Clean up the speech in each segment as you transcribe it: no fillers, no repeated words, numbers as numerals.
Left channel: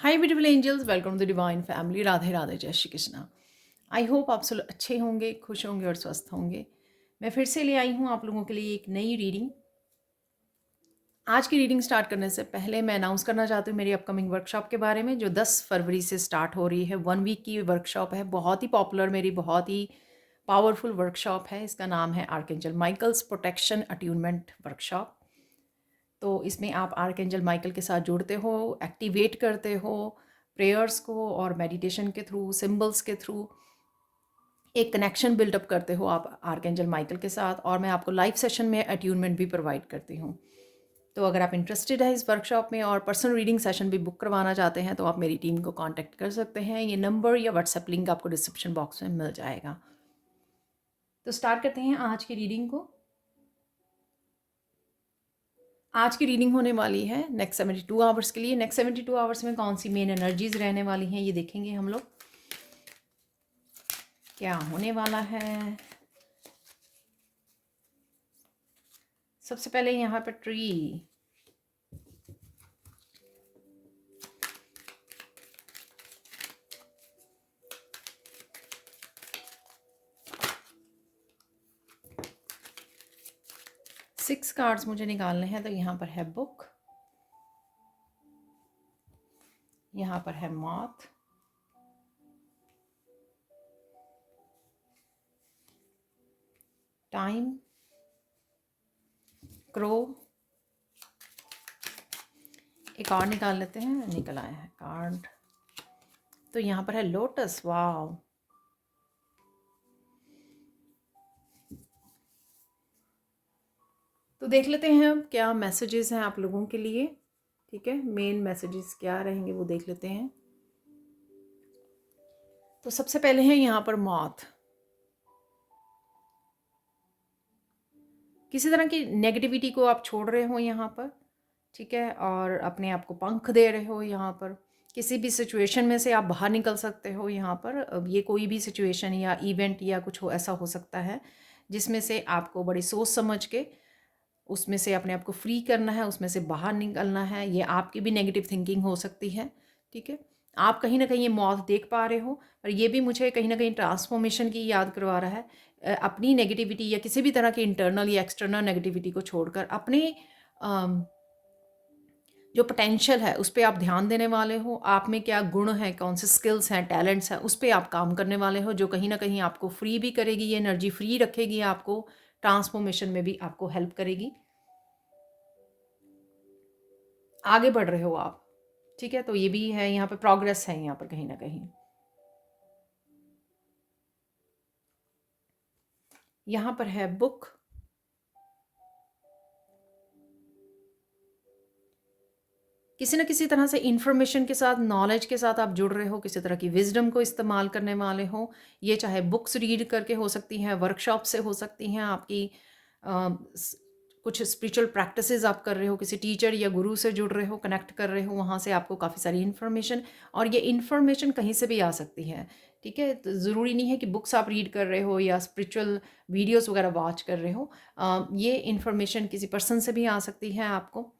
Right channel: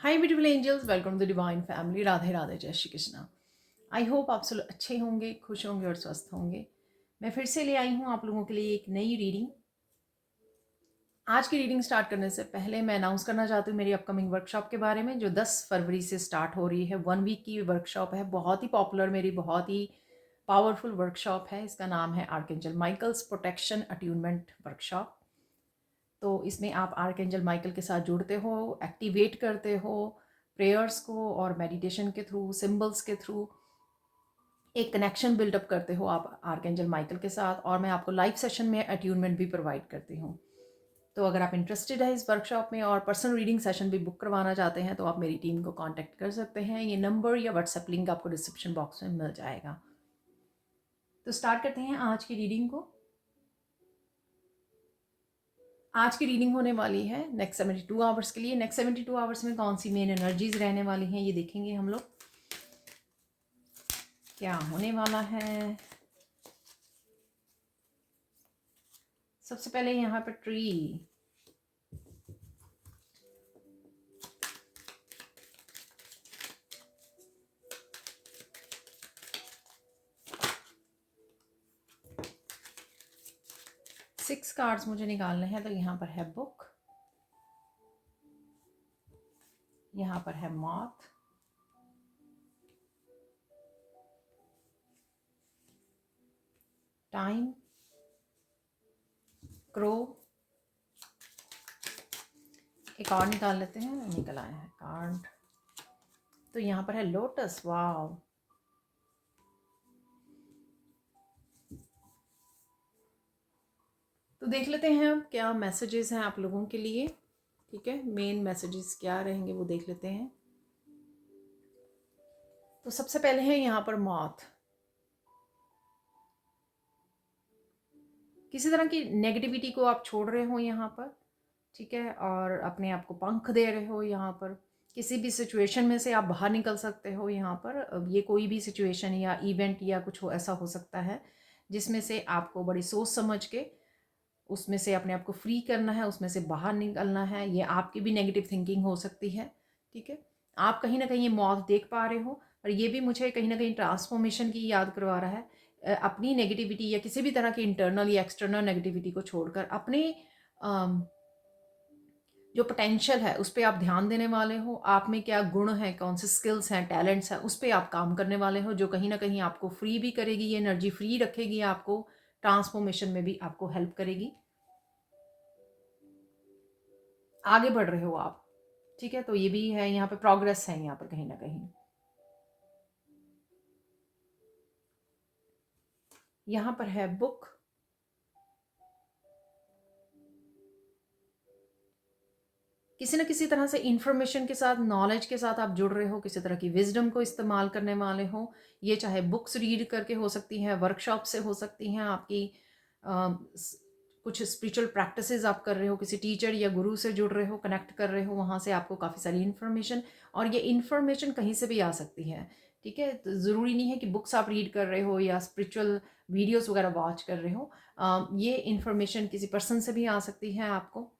Hi beautiful angels, welcome to the divine family. Radhe Radhe, जय Shri Krishna. I hope आप सब अच्छे होंगे, खुश होंगे और स्वस्थ होंगे। मैं फिर से ले आई हूँ आप लोगों के लिए एक नई रीडिंग। आज की रीडिंग स्टार्ट करने से पहले मैं अनाउंस करना चाहती हूँ मेरी अपकमिंग वर्कशॉप के बारे में, जो 10 फरवरी से स्टार्ट हो रही है। 1 वीक की वर्कशॉप है, बहुत ही पॉपुलर, मेरी बहुत ही पावरफुल वर्कशॉप है। इसका नाम है archangel Michael's protection attunement workshop. तो इसमें आप आर्कएंजल माइकल के साथ जुड़ते हो, एक्टिवेट करते हो प्रेयर्स को, और मेडिटेशन के थ्रू, सिंबल्स के थ्रू एक कनेक्शन बिल्डअप करते हो आप आर्कएंजल माइकल के साथ। और मैं आपको लाइव सेशन में अट्यूनमेंट भी प्रोवाइड करती हूँ। तो अगर आप इंटरेस्टेड है इस वर्कशॉप में और पर्सनल रीडिंग सेशन भी बुक करवाना चाहते हैं तो आप मेरी टीम को कांटेक्ट कर सकते हैं। ये नंबर या व्हाट्सएप लिंक आपको डिस्क्रिप्शन बॉक्स में मिल जाएगा। तो स्टार्ट करते हैं आज की रीडिंग को। आज की रीडिंग होने वाली है नेक्स्ट 72 आवर्स के लिए। नेक्स्ट 72 आवर्स में कौन सी मेन एनर्जीज रहने वाली हैं ये देखेंगे हम लोग, क्या होने वाला है। सबसे पहले यहाँ पर ट्री, 6 कार्ड्स मुझे निकालने हैं। तो यहाँ पर है बुक, यहाँ पर है मॉथ, टाइम, क्रो। एक और निकाल लेते हैं, निकल आया है कार्ड। तो यहाँ पर है लोटस। वाव, तो देख लेते हैं अब क्या मैसेजेस हैं आप लोगों के लिए। ठीक है, मेन मैसेजेस क्या रहेंगे वो देख लेते हैं। तो सबसे पहले है यहाँ पर मॉथ। किसी तरह की नेगेटिविटी को आप छोड़ रहे हो यहाँ पर, ठीक है, और अपने आप को पंख दे रहे हो यहाँ पर। किसी भी सिचुएशन में से आप बाहर निकल सकते हो यहाँ पर। अब ये कोई भी सिचुएशन या इवेंट या कुछ हो ऐसा हो सकता है जिसमें से आपको बड़ी सोच समझ के उसमें से अपने आप को फ्री करना है, उसमें से बाहर निकलना है। ये आपकी भी नेगेटिव थिंकिंग हो सकती है, ठीक है। आप कहीं ना कहीं ये मौत देख पा रहे हो, पर ये भी मुझे कहीं ना कहीं ट्रांसफॉर्मेशन की याद करवा रहा है। अपनी नेगेटिविटी या किसी भी तरह की इंटरनल या एक्सटर्नल नेगेटिविटी को छोड़कर अपने जो पोटेंशियल है उस पर आप ध्यान देने वाले हो। आप में क्या गुण है, कौन से स्किल्स हैं, टैलेंट्स हैं, उस पर आप काम करने वाले हो, जो कहीं ना कहीं आपको फ्री भी करेगी। ये एनर्जी फ्री रखेगी, आपको ट्रांसफॉर्मेशन में भी आपको हेल्प करेगी। आगे बढ़ रहे हो आप, ठीक है। तो ये भी है, यहाँ पे प्रोग्रेस है यहाँ पर कहीं ना कहीं। यहाँ पर है बुक, किसी न किसी तरह से इंफॉर्मेशन के साथ, नॉलेज के साथ आप जुड़ रहे हो, किसी तरह की विजडम को इस्तेमाल करने वाले हो। ये चाहे बुक्स रीड करके हो सकती हैं, वर्कशॉप से हो सकती हैं, आपकी कुछ स्पिरिचुअल प्रैक्टिसेस आप कर रहे हो, किसी टीचर या गुरु से जुड़ रहे हो, कनेक्ट कर रहे हो, वहाँ से आपको काफ़ी सारी इन्फॉर्मेशन, और ये इन्फॉर्मेशन कहीं से भी आ सकती है, ठीक है। तो ज़रूरी नहीं है कि बुक्स आप रीड कर रहे हो या स्पिरिचुअल वीडियोस वगैरह वॉच कर रहे हो। ये इन्फॉर्मेशन किसी पर्सन से भी आ सकती है आपको,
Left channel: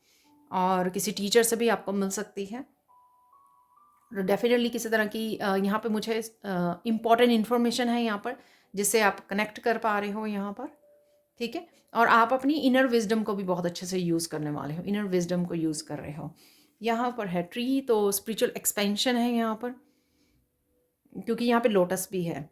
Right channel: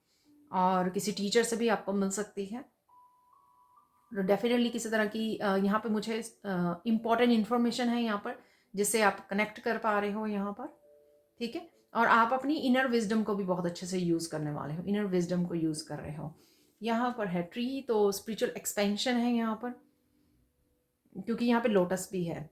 और किसी टीचर से भी आपको मिल सकती है। डेफिनेटली किसी तरह की यहाँ पे मुझे इम्पॉर्टेंट इन्फॉर्मेशन है यहाँ पर, जिससे आप कनेक्ट कर पा रहे हो यहाँ पर, ठीक है। और आप अपनी इनर विजडम को भी बहुत अच्छे से यूज़ करने वाले हो, इनर विजडम को यूज़ कर रहे हो। यहाँ पर है ट्री, तो स्पिरिचुअल एक्सपेंशन है यहाँ पर, क्योंकि यहाँ पे लोटस भी है।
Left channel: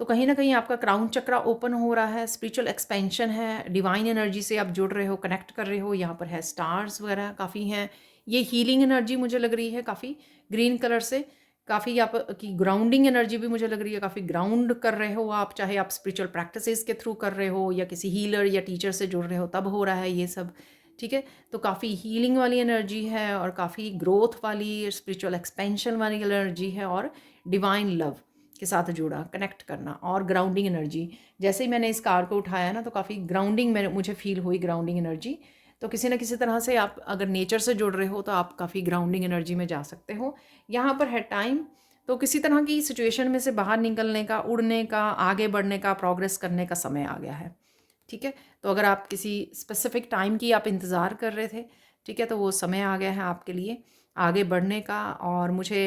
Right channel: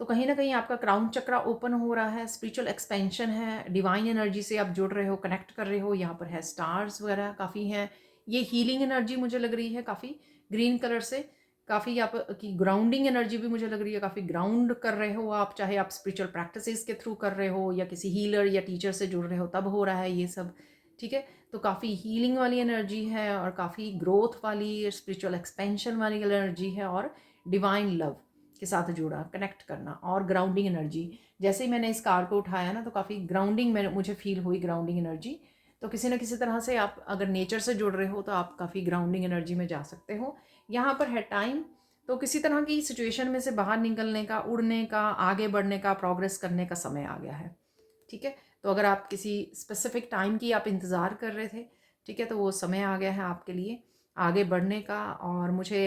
तो कहीं ना कहीं आपका क्राउन चक्रा ओपन हो रहा है, स्पिरिचुअल एक्सपेंशन है, डिवाइन एनर्जी से आप जुड़ रहे हो, कनेक्ट कर रहे हो। यहाँ पर है स्टार्स वगैरह काफ़ी हैं। ये हीलिंग एनर्जी मुझे लग रही है काफ़ी, ग्रीन कलर से। काफ़ी आप की ग्राउंडिंग एनर्जी भी मुझे लग रही है, काफ़ी ग्राउंड कर रहे हो आप, चाहे आप स्पिरिचुअल प्रैक्टिसेस के थ्रू कर रहे हो या किसी हीलर या टीचर से जुड़ रहे हो, तब हो रहा है ये सब, ठीक है। तो काफ़ी हीलिंग वाली एनर्जी है, और काफ़ी ग्रोथ वाली, स्पिरिचुअल एक्सपेंशन वाली एनर्जी है, और डिवाइन लव के साथ जुड़ा, कनेक्ट करना, और ग्राउंडिंग एनर्जी। जैसे ही मैंने इस कार्ड को उठाया ना, तो काफ़ी ग्राउंडिंग में मुझे फील हुई, ग्राउंडिंग एनर्जी। तो किसी न किसी तरह से आप अगर नेचर से जुड़ रहे हो तो आप काफ़ी ग्राउंडिंग एनर्जी में जा सकते हो। यहाँ पर है टाइम, तो किसी तरह की सिचुएशन में से बाहर निकलने का, उड़ने का, आगे बढ़ने का, प्रोग्रेस करने का समय आ गया है, ठीक है। तो अगर आप किसी स्पेसिफिक टाइम की आप इंतज़ार कर रहे थे, ठीक है, तो वो समय आ गया है आपके लिए। आगे बढ़ने का, और मुझे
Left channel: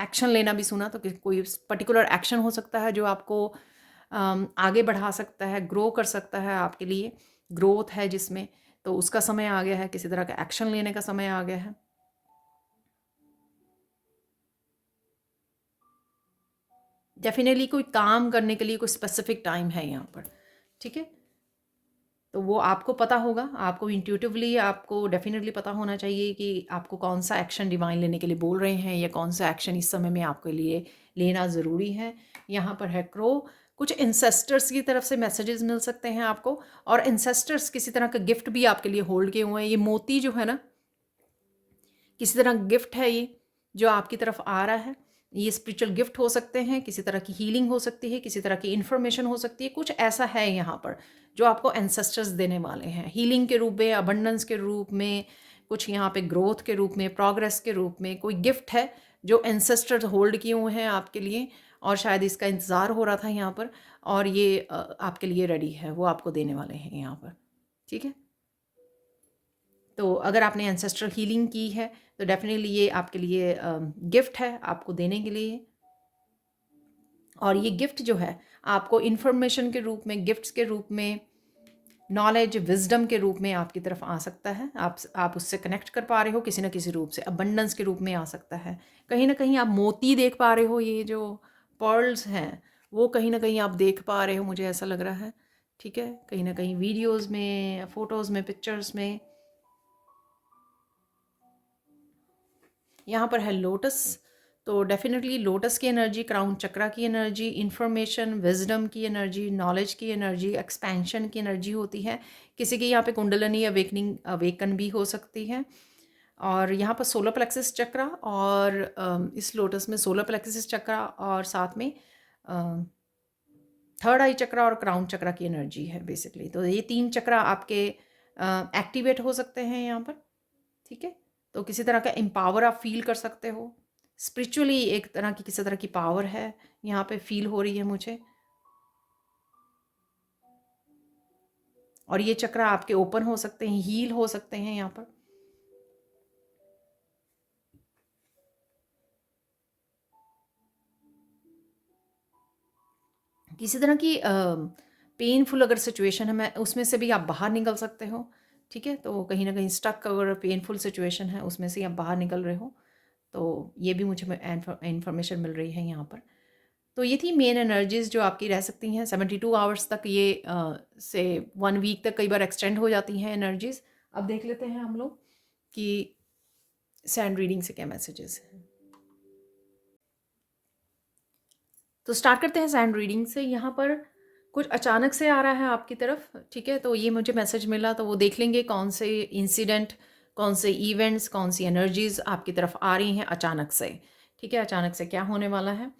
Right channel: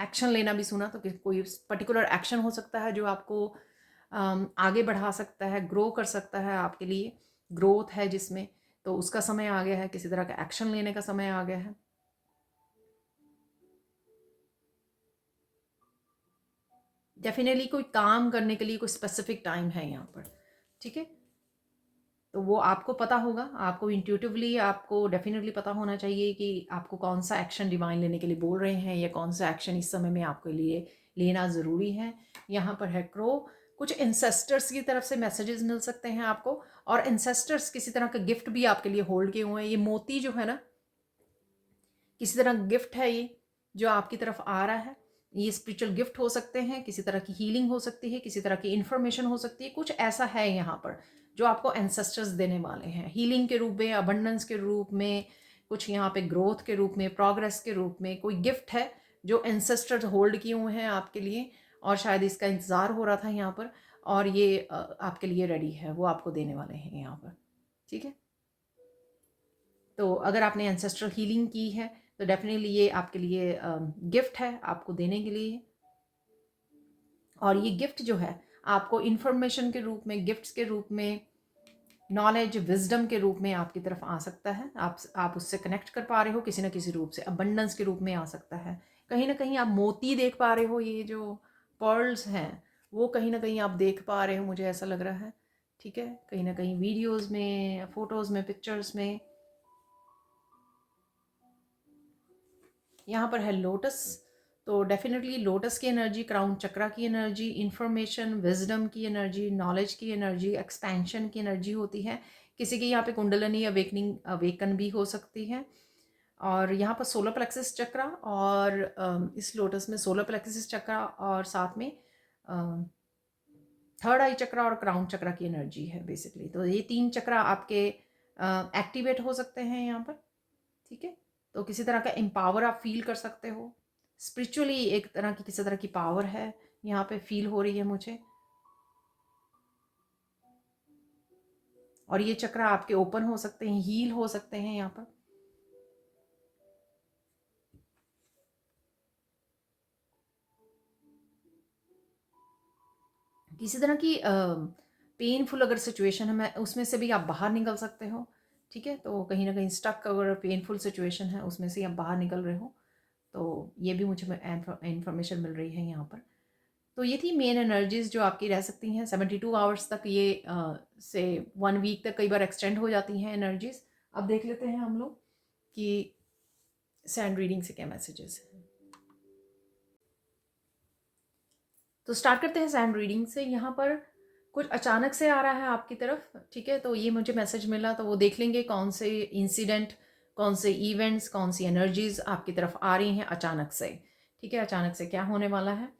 एक्शन लेना भी सुना। तो कोई पर्टिकुलर एक्शन हो सकता है जो आपको आगे बढ़ा सकता है, ग्रो कर सकता है, आपके लिए ग्रोथ है जिसमें, तो उसका समय आ गया है, किसी तरह का एक्शन लेने का समय आ गया है। डेफिनेटली कोई काम करने के लिए कोई स्पेसिफिक टाइम है यहाँ पर, ठीक है। तो वो आपको पता होगा, आपको इंट्यूटिवली आपको डेफिनेटली पता होना चाहिए कि आपको कौन सा एक्शन डिवाइन लेने के लिए बोल रहे हैं, या कौन सा एक्शन इस समय में आपके लिए लेना ज़रूरी है। यहाँ पर है क्रो, कुछ इंसेस्टर्स की तरफ से मैसेजेस मिल सकते हैं आपको, और इंसेस्टर्स किसी तरह का गिफ्ट भी आपके लिए होल्ड किए हुए हैं। ये मोती जो है ना, किसी तरह गिफ्ट है ये जो आपकी तरफ आ रहा है। ये स्पिरिचुअल गिफ्ट हो सकते हैं, किसी तरह की हीलिंग हो सकती है, किसी तरह की इन्फॉर्मेशन हो सकती है, कुछ ऐसा है यहाँ पर जो आपको एंसेस्टर्स देने वाले हैं, हीलिंग के रूप में, अबंडेंस के रूप में, कुछ यहाँ पे ग्रोथ के रूप में, प्रोग्रेस के रूप में कोई गिफ्ट है जो एंसेस्टर्स होल्ड किए हुए हैं आपके लिए, और शायद इसका इंतज़ार हो रहा था यहाँ पर, और ये आपके लिए रेडी है, वो आपको देने वाले हैं यहाँ पर, ठीक है। तो अगर आपने एंसेस्ट्रल हीलिंग की है तो डेफिनेटली ये आपके लिए गिफ्ट है आपको देने के लिए। और ये गिफ्ट जो है आपको इन्फॉर्मेशन के रूप में, गिफ्ट्स के रूप में, नॉलेज, विजडम के रूप में आपकी तरफ आ सकता है। आप उससे कनेक्ट कर पा रहे हो किसी ना किसी रूप से, अबंडेंस के रूप में आ सकता है। कहीं ना कहीं आप मोती देख पा रहे हो, ये जो पर्ल्स हैं वो कहीं ना कहीं आप देख पा रहे हो, मुझे ऐसा लग रहा है, ठीक है। कहीं ना कहीं वीडियोज़ में, फ़ोटोज़ में, पिक्चर्स में। यहाँ पर है लोटस, तो डेफिनेटली लोटस की एनर्जी, क्राउन चक्रा की एनर्जी, इंफॉर्मेशन, विजडम की एनर्जी, नॉलेज की एनर्जी, एक्सपेंशन की एनर्जी होती है। किसी की यहाँ पे कुंडलनी अवेकनिंग, अवेकन भी हो सकती है। और यहाँ पर सोलर प्लेक्सिस चक्रा, और इस लोटस में सोलर प्लेक्सिस चक्रा और साथ में थर्ड आई चक्रा और क्राउन चक्रा की एनर्जी है बेसिकली। तो ये 3 चक्रा आपके एक्टिवेट हो सकते हैं यहाँ पर, ठीक है। तो किसी तरह का एम्पावर आप फील कर सकते हो, स्पिरिचुअली एक तरह की किसी तरह की पावर है यहाँ पे फील हो रही है मुझे। और ये चक्र आपके ओपन हो सकते हैं, हील हो सकते हैं यहाँ पर। किसी तरह की पेनफुल अगर सिचुएशन है, मैं उसमें से भी आप बाहर निकल सकते हो, ठीक है। तो कहीं ना कहीं स्टक अगर पेनफुल सिचुएशन है उसमें से आप बाहर निकल रहे हो, तो ये भी मुझे इन्फॉर्मेशन मिल रही है यहाँ पर। तो ये थी मेन एनर्जीज जो आपकी रह सकती हैं 72 आवर्स तक, ये से 1 वीक तक कई बार एक्सटेंड हो जाती हैं एनर्जीज। अब देख लेते हैं हम लोग कि सैंड रीडिंग से क्या मैसेजेस हैं। तो स्टार्ट करते हैं सैंड रीडिंग से। यहाँ पर कुछ अचानक से आ रहा है आपकी तरफ, ठीक है। तो ये मुझे मैसेज मिला, तो वो देख लेंगे कौन से इंसिडेंट, कौन से इवेंट्स, कौन सी एनर्जीज आपकी तरफ आ रही हैं अचानक से, ठीक है। अचानक से क्या होने वाला है।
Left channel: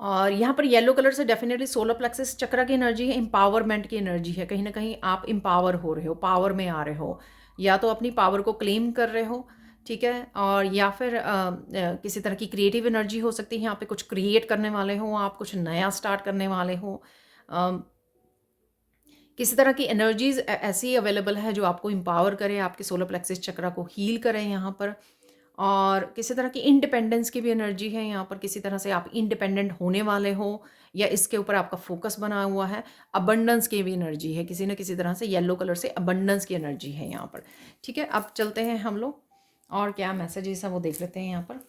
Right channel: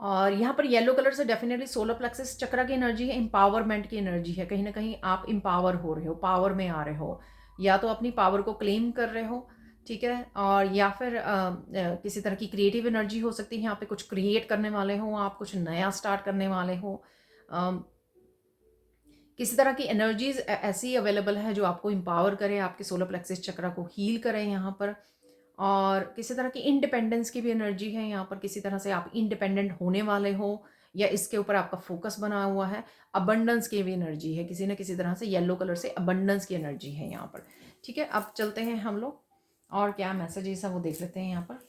और यहाँ पर येलो कलर से डेफिनेटली सोलर प्लेक्सिस चक्र की एनर्जी है, एम्पावरमेंट की एनर्जी है। कहीं ना कहीं आप एम्पावर हो रहे हो, पावर में आ रहे हो, या तो अपनी पावर को क्लेम कर रहे हो, ठीक है। और या फिर किसी तरह की क्रिएटिव एनर्जी हो सकती है, यहाँ पे कुछ क्रिएट करने वाले हो आप, कुछ नया स्टार्ट करने वाले हो। किसी तरह की एनर्जीज ऐसी अवेलेबल है जो आपको एम्पावर करे, आपके सोलर प्लेक्सिस चक्र को हील करें यहाँ पर। और किसी तरह की इंडिपेंडेंस की भी एनर्जी है यहाँ पर, किसी तरह से आप इंडिपेंडेंट होने वाले हो, या इसके ऊपर आपका फोकस बना हुआ है। अबंडेंस की भी एनर्जी है किसी न किसी तरह से, येलो कलर से अबंडेंस की एनर्जी है यहाँ पर, ठीक है। अब चलते हैं हम लोग और क्या मैसेजेस हैं वो देख लेते हैं यहाँ पर।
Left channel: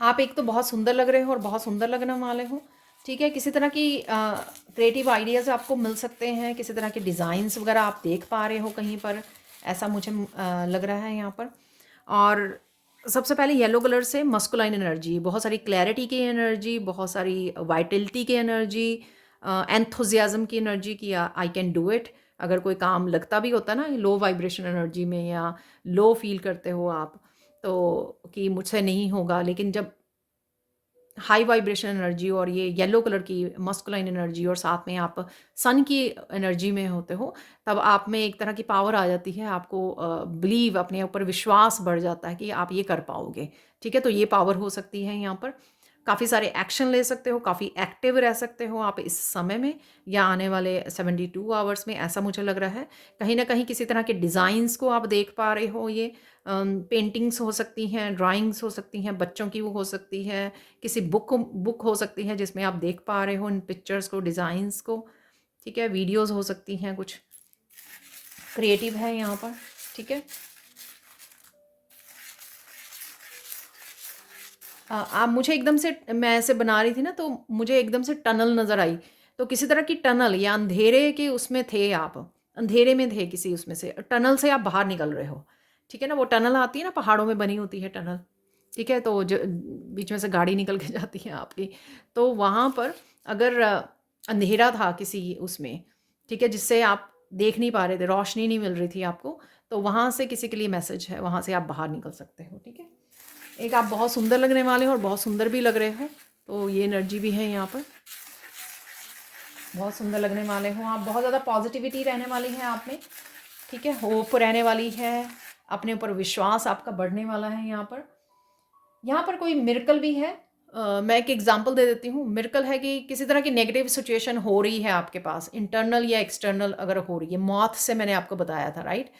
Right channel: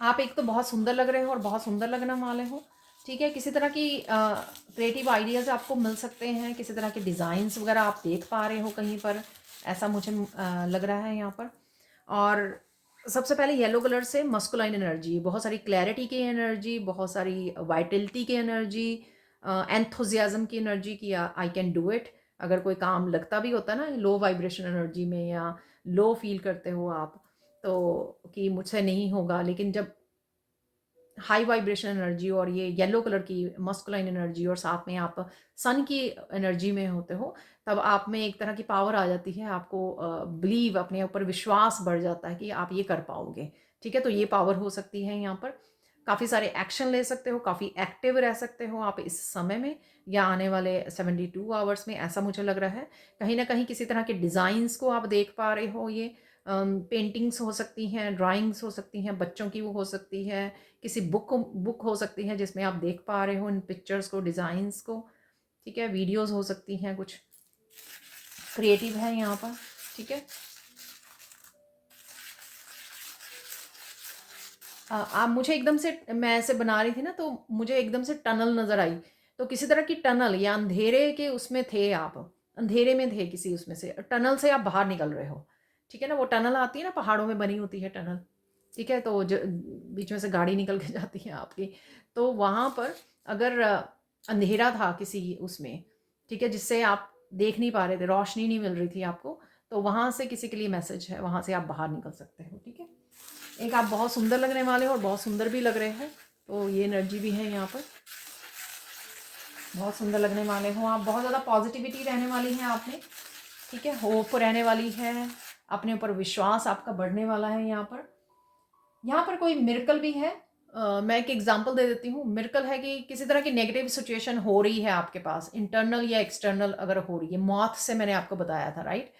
आप एक तो बहुत सुंदर लग रहे हो और बहुत सुंदर लगने वाले हो, ठीक है। किसी तरह की क्रिएटिव आइडियाज़ आपको मिल सकते हैं, किसी तरह के डिज़ाइंस वगैरह आप देख पा रहे हो कहीं पर, ऐसा मुझे लग रहा है यहाँ पर। और सबसे पहले येलो कलर से मस्कुलाइन एनर्जी, बहुत सारी क्लैरिटी की एनर्जी, बहुत सारी वाइटलिटी की एनर्जी, एंथुजियाज्म की एनर्जी की आई कैन डू इट। अगर कोई काम लगता भी होता है ना लो वाइब्रेशन एनर्जी में, या लो फील करते हो आप तो कि मुझसे नहीं होगा, लेकिन जब हाई वाइब्रेशन एनर्जी और ये येलो कलर की मस्कुलाइन एनर्जी और साथ में आप सन की एनर्जी में होते हो, तब आप में एक तरह की पावर आ जाती है। आपको बिलीव, अपने ऊपर विश्वास बढ़ जाता है कि आप ये कर पाओगे, ठीक है। तो ये पावर हो सकती है यहाँ पर। काफ़ी सारे एक्शन ले सकते हो, काफ़ी एक्टिव रह सकते हो आप इस समय में या आने वाले 72 आवर्स में, ऐसा मुझे लग रहा है। कहीं न कहीं किसी तरह के डिज़ाइंस को आप देख पा रहे हो, ये पेंटिंग्स हो सकती हैं, ड्राइंग्स हो सकती हैं, बच्चों की वो हो सकती है, किसी बुक हो सकती है जिसमें आप देख पा रहे हो इन पिक्चर्स को, डिज़ाइंस को, ठीक है? वीडियोज़ हो सकती हैं, कुछ क्रिएटिव है यहाँ पर, ठीक है? आप मुझे एकदम से, मैं ऐसे बना रही थी ना, तो मुझे एकदम से टनल नज़र आई। तो किसी तरह की टनल या अंधेरे के उसमें थे आप, अंधेरे में थे किसी उसमें से, टनल से आप बाहर निकल रहे हो, ठीक है ना? वो टनल आती है ना, पहाड़ों में बनी होती है टनल, ठीक है? तो बीच में से गाड़ी निकल के जाती है आपकी। तो वहाँ पर अगर अंधेरा था किसी उसमें, ठीक है, जिससे आप देख नहीं पा रहे थे, रोशनी नहीं मिल रही थी आपको, तो वहाँ से किसी के लिए मैसेज है, वहाँ से आप बाहर निकल सकते हो, ठीक है? एक आप बहुत सुंदर लगने वाले हो और बहुत सुंदर भी लग रहे हो, तो ये एनर्जी भी है यहाँ पर, बहुत सुंदर लगने वाले हो आप, बहुत ज़्यादा पॉजिटिविटी रहने वाली है आप में, ठीक है? होप रहने वाली है, अपने ऊपर विश्वास आपका बढ़ने वाला है यहाँ पर। यहाँ पर कोई मिरेकल भी है। मैं एक एग्जांपल दे देती हूँ। मिरेकल है कि किसी तरह की नेगेटिव सिचुएशन हो रही है आपके पास, इंटरनल या एक्सटर्नल अगर हो रही है, मौत से मैंने आपको बताया था, राइट?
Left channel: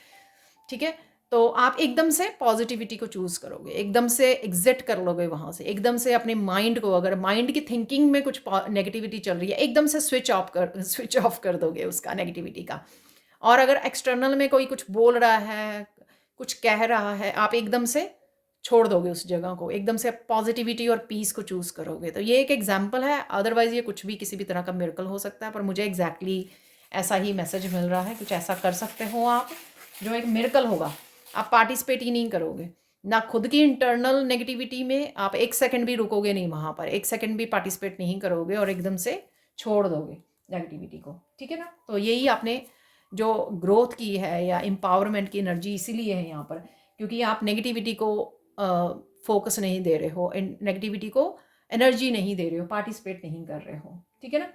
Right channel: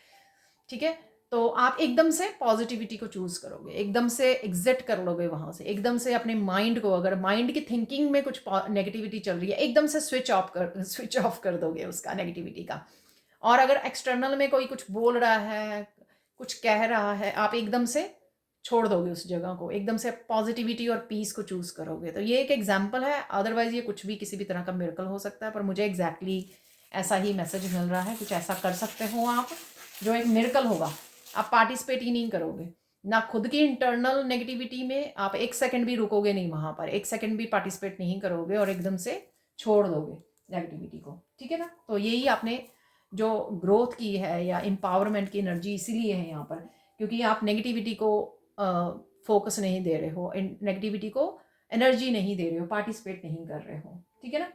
ठीक है? तो आप एकदम से पॉजिटिविटी को चूज़ करोगे, एकदम से एग्ज़िट कर लोगे वहाँ से, एकदम से अपने माइंड को, अगर माइंड की थिंकिंग में कुछ नेगेटिविटी चल रही है, एकदम से स्विच ऑफ कर दोगे उसका, नेगेटिविटी का। और अगर एक्सटर्नल में कोई कुछ बोल रहा है, कुछ कह रहा है, आप एकदम से छोड़ दोगे उस जगह को, एकदम से पॉजिटिविटी और पीस को चूज़ करोगे। तो ये एक एग्जाम्पल है, अदरवाइज़ ये कुछ भी किसी भी तरह का मिरेकल हो सकता है, पर मुझे एग्जैक्टली ऐसा ही मैसेज मिल रहा है, कुछ ऐसा कर सकते हो आप जो एक मिरेकल होगा। आप पार्टिसिपेट ही नहीं करोगे, ना खुद की इंटरनल नेगेटिविटी में आप एक सेकंड भी रुकोगे नहीं वहाँ पर, एक सेकंड भी पार्टिसिपेट नहीं करोगे और एकदम से छोड़ दोगे नेगेटिविटी को, ठीक है ना? तो यही आपने जो ग्रोथ की है या एम्पावरमेंट की एनर्जी इसीलिए है यहाँ पर, क्योंकि आप नेगेटिविटी को फोकस नहीं दे रहे हो, नेगेटिविटी को एनर्जी नहीं दे रहे हो, पार्टिसिपेट नहीं कर रहे हो, ठीक है ना?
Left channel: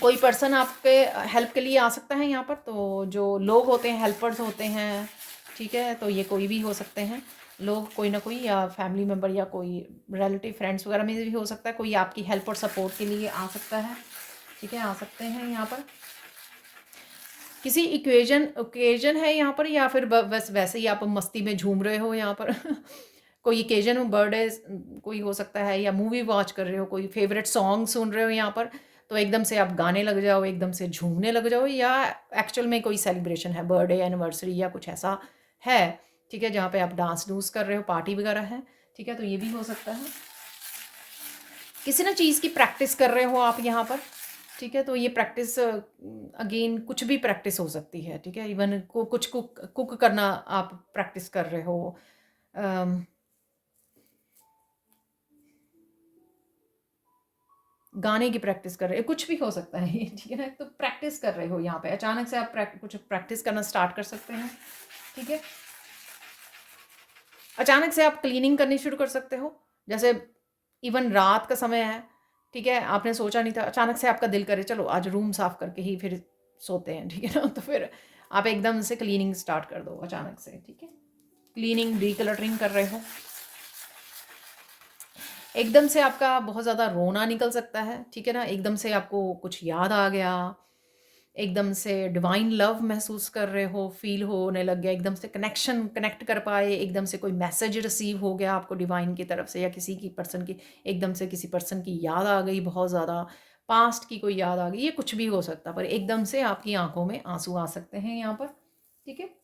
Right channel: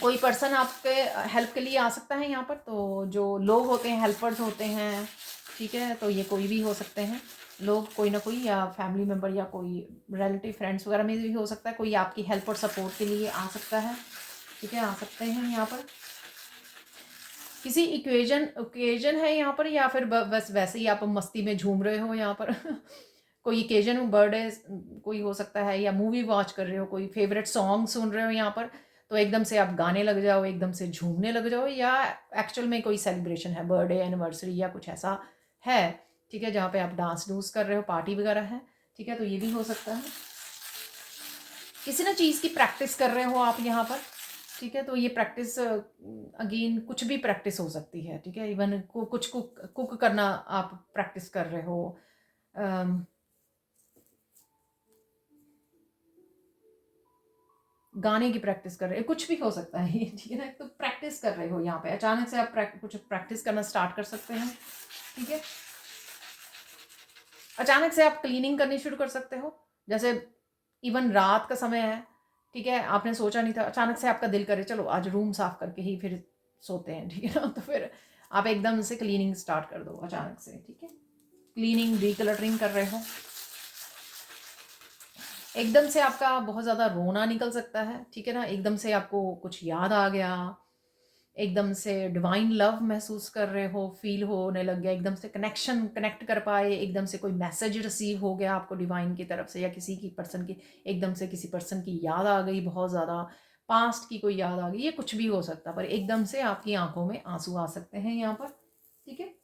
कोई पर्सन आपके हेल्प के लिए आ सकता है यहाँ पर, तो जो लोग होते हैं, हेल्पर्स होते हैं, ठीक है? तो ये कोई भी हो सकते हैं लोग, कोई ना कोई, या फैमिली मेम्बर या कोई रिलेटिव फ्रेंड्स वगैरह में भी हो सकता है, कोई आपकी हेल्प और सपोर्ट के लिए आ सकता है, ठीक है? आ सकते हैं यहाँ पर, किसी ओकेजन है यहाँ पर, या फिर बस वैसे ही आप मस्ती में झूम रहे हो यहाँ पर कोई ओकेजन, बर्थडे कोई हो सकता है, या मूवी वॉच कर रहे हो, कोई फेवरेट सॉन्ग सुन रहे हो यहाँ पर, तो एकदम से आप गाने लग जाओ, एकदम से झूमने लग जाओ, या एक्चुअल में कोई सेलिब्रेशन है, बर्थडे एनिवर्सरी या कुछ ऐसा है, ठीक है, जहाँ पे आप डांस डूंस कर रहे हो, पार्टी वगैरह है, ठीक है? तो ये भी हो सकता है। किसी ना चीज़ की प्रैक्टिस कर रहे हो आप यहाँ पर, ठीक है? तो ये प्रैक्टिस अगेन कुछ भी प्रैक्टिस हो सकती है, ठीक है? इवन कुछ कुक करना आप प्रैक्टिस कर रहे हो, अम, गाने की प्रैक्टिस कर रहे हो, कुछ भी हो सकता है ये, ठीक है ना? तो प्रैक्टिस कर रहे हो यहाँ पे, अचानक से आप कुछ प्रैक्टिस करना स्टार्ट कर सकते हैं, ठीक है? अचानक से आप क्लीनिंग करनी शुरू कर सकते हो, जैसे इवन रात का समय है, ठीक है? आपने सोचा नहीं था, अचानक से आपका दिल करे चलो आज रूम साफ करके ही फिर सोते हैं, ठीक है ना? तो फिर आप एकदम से क्लीनिंग स्टार्ट कर दो अचानक से, ठीक है? क्लीनिंग, डिक्लटरिंग कर रहे हो, एकदम से आपका बहुत ज़्यादा रोना निकल सकता है, ठीक है ना? एकदम से आपको कुछ याद आ गया, एकदम से डिवाइन लव महसूस कर रहे हो, फील होने लग गया, एकदम से कनेक्ट कर पाए, एकदम से कोई मैसेज रिसीव हो गया आपको डिवाइन की तरफ से, या किसी की पर्सन की, एकदम से किसी पर्सन की याद आ गई बहुत ज़्यादा, पास्ट की कोई याद आ गई, ये कुछ भी हो सकता है, पर एकदम से आपकी आंखों में आंसू आ सकते हैं यहाँ पर, ठीक है?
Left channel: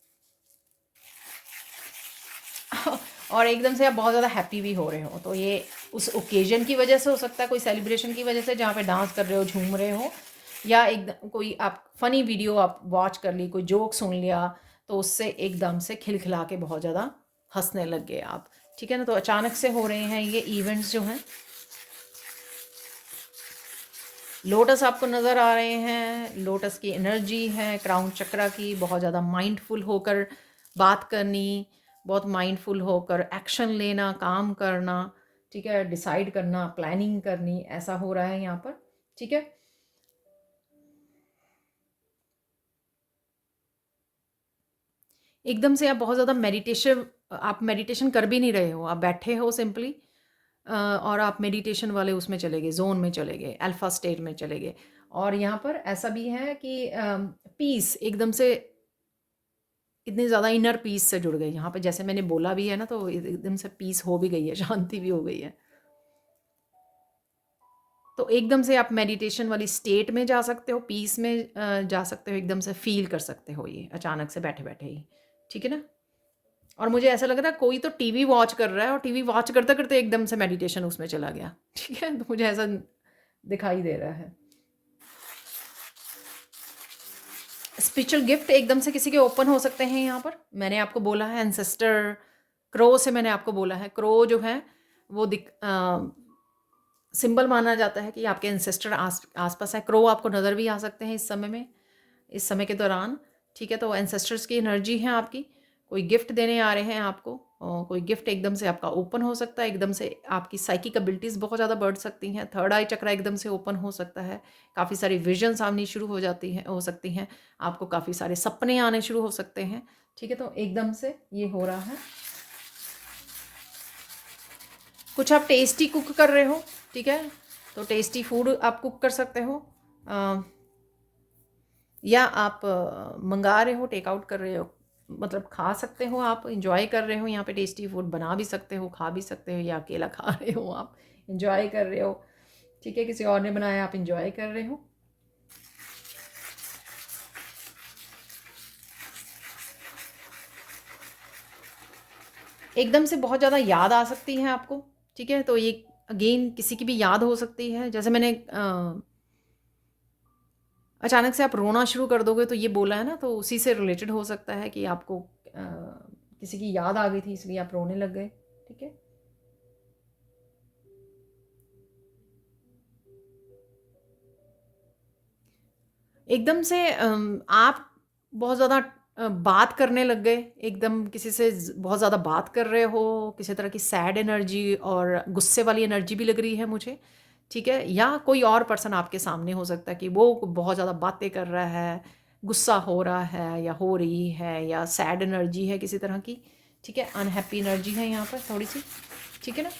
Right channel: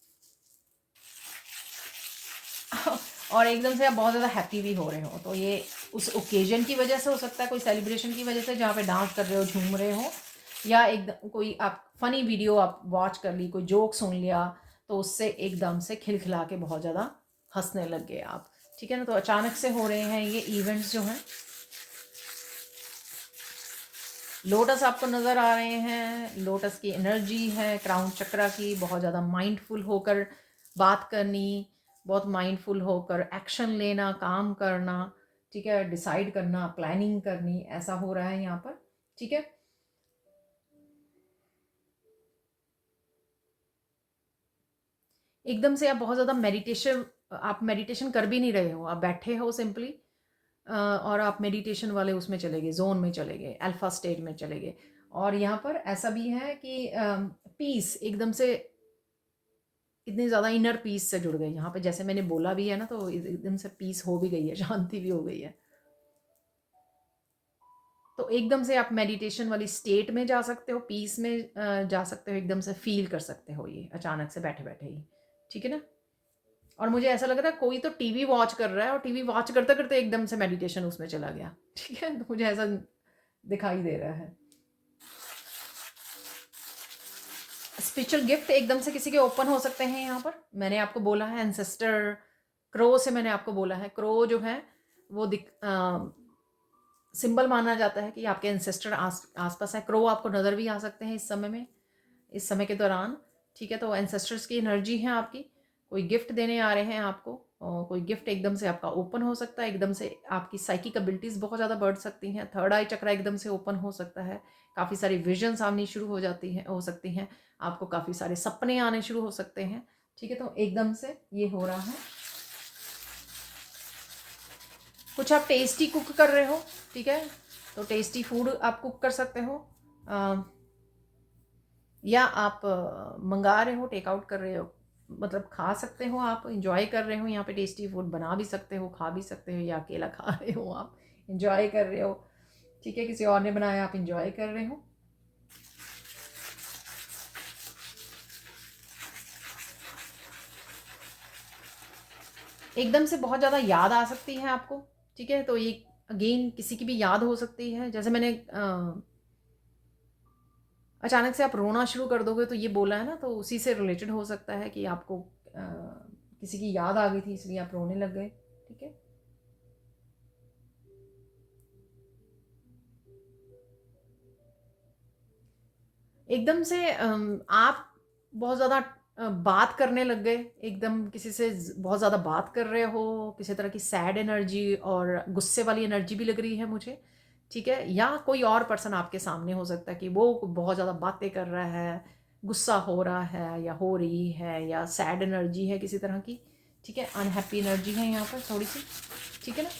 और एकदम से आप बहुत ज़्यादा हैप्पी भी हो रहे हो, तो ये उस ओकेजन की वजह से हो सकता है, कोई सेलिब्रेशन की वजह से जहाँ पे डांस कर रहे हो, झूम रहे हो, या एकदम कोई आप फनी वीडियो आप वॉच कर ली, कोई जोक सुन लिया, तो उससे एकदम से खिलखिला के बहुत ज़्यादा हंसने लग गए आप, ठीक है ना? तो अचानक से हो रहे हैं ये इवेंट्स जो हैं। लोटस आपको नज़र आ रहे हैं, लोटस की एनर्जी है, क्राउन चक्रा की, बहुत ज़्यादा माइंडफुल होकर बात करनी, बहुत माइंडफुल होकर एक्शन लेना, काम करना, ठीक है? डिसाइड करना, प्लानिंग करनी, ऐसा हो रहा है यहाँ पर, ठीक है? एकदम से आप बहुत ज़्यादा मेडिटेशन, आप मेडिटेशन कर भी नहीं रहे हो, आप बैठे हो सिंपली, और आप मेडिटेशन वाले उसमें चले गए, जोन में चले गए, अल्फा स्टेट में चले गए। और यहाँ पर ऐसा भी है कि पीस एकदम से इतनी ज़्यादा इनर पीस से जुड़ गए यहाँ पे, जैसे मैंने बोला भी है ना, तो एकदम से पीस हो भी गई है, शांति भी हो गई है। तो एकदम से आप मेडिटेशन वाली स्टेट में जा सकते हो, पीस में जा सकते हो, एकदम से फील कर सकते हो ये अचानक से बैठे बैठे ही। ठीक है ना। और मुझे ऐसा लग रहा है कोई तो टीवी वॉच कर रहा है और टीवी वॉच करते करते एकदम से मेडिटेशन उसमें चला गया। ठीक है, तो मुझे ऐसा दिखाई दे रहा है। स्पिरिचुअल गिफ्ट एकदम से किसी के ओपन हो सकते हैं यहाँ पर। मैंने आपको बोला है एंसेस्टर क्रो से, मैंने आपको बोला है क्रो जो है वो सिंबल माना जाता है कि आपके एंसेस्टर आसपास है। क्रो आपको नज़र भी आ सकते हैं इस समय में, इस समय के दौरान। ठीक है, तो एंसेस्टर्स की एनर्जी है आपकी, कोई गिफ्ट देने आ रहे हैं आपको, कोई गिफ्ट एकदम से आपका ओपन हो सकता है, एकदम से आपकी साइकिक एबिलिटीज़ बहुत ज़्यादा बढ़ सकती हैं, थर्ड आई चक्रा एकदम से ओपन हो सकता है, काफ़ी सारी विजन्स आनी शुरू हो जाती हैं, हो सकती हैं, आपको काफ़ी सारे सपने आने शुरू हो सकते हैं। ठीक है, तो एकदम से ये हो रहा है। कुछ आप टेस्टी कुक कर रहे हो, ठीक है, तो टेस्टी फूड आप कुक कर सकते हो, या आप मंगा रहे हो, टेक आउट कर रहे हो, मतलब खा सकते हो, आप इंजॉय कर रहे हो, यहाँ पे टेस्टी फूड बना भी सकते हो, खा भी सकते हो, या अकेला खा रहे हो, आप इंजॉय कर रहे हो। ठीक है, किसी और ने बनाया, आप इंजॉय कर रहे हो। एकदम से बहुत ज़्यादा याद आ सकती है आपको। ठीक है, तो ये अगेन किसी की भी याद हो सकती है, जैसे मैंने अचानक से आप रोना शुरू कर दोगे तो ये बोला है ना, तो उसी से रिलेटेड हो सकता है कि आपको किसी की याद आ गई थी इसलिए आप रोने लग गए। ठीक है, एकदम से आप बहुत ज़्यादा बात करने लग गए, एकदम किसी से बहुत ज़्यादा बात कर रहे हो, किसी तरह की सैड एनर्जी और गुस्से वाली एनर्जी भी लग रही है मुझे। ठीक है, या कोई और पर्सन आपके सामने हो सकता है कि वो बहुत ज़्यादा बातें कर रहा है, गुस्सा हो रहा है या हो रही है, या सैड एनर्जी है किसी तरह की। ठीक है, अनहैप्पी एनर्जी है यहाँ पर थोड़ी सी। ठीक है ना,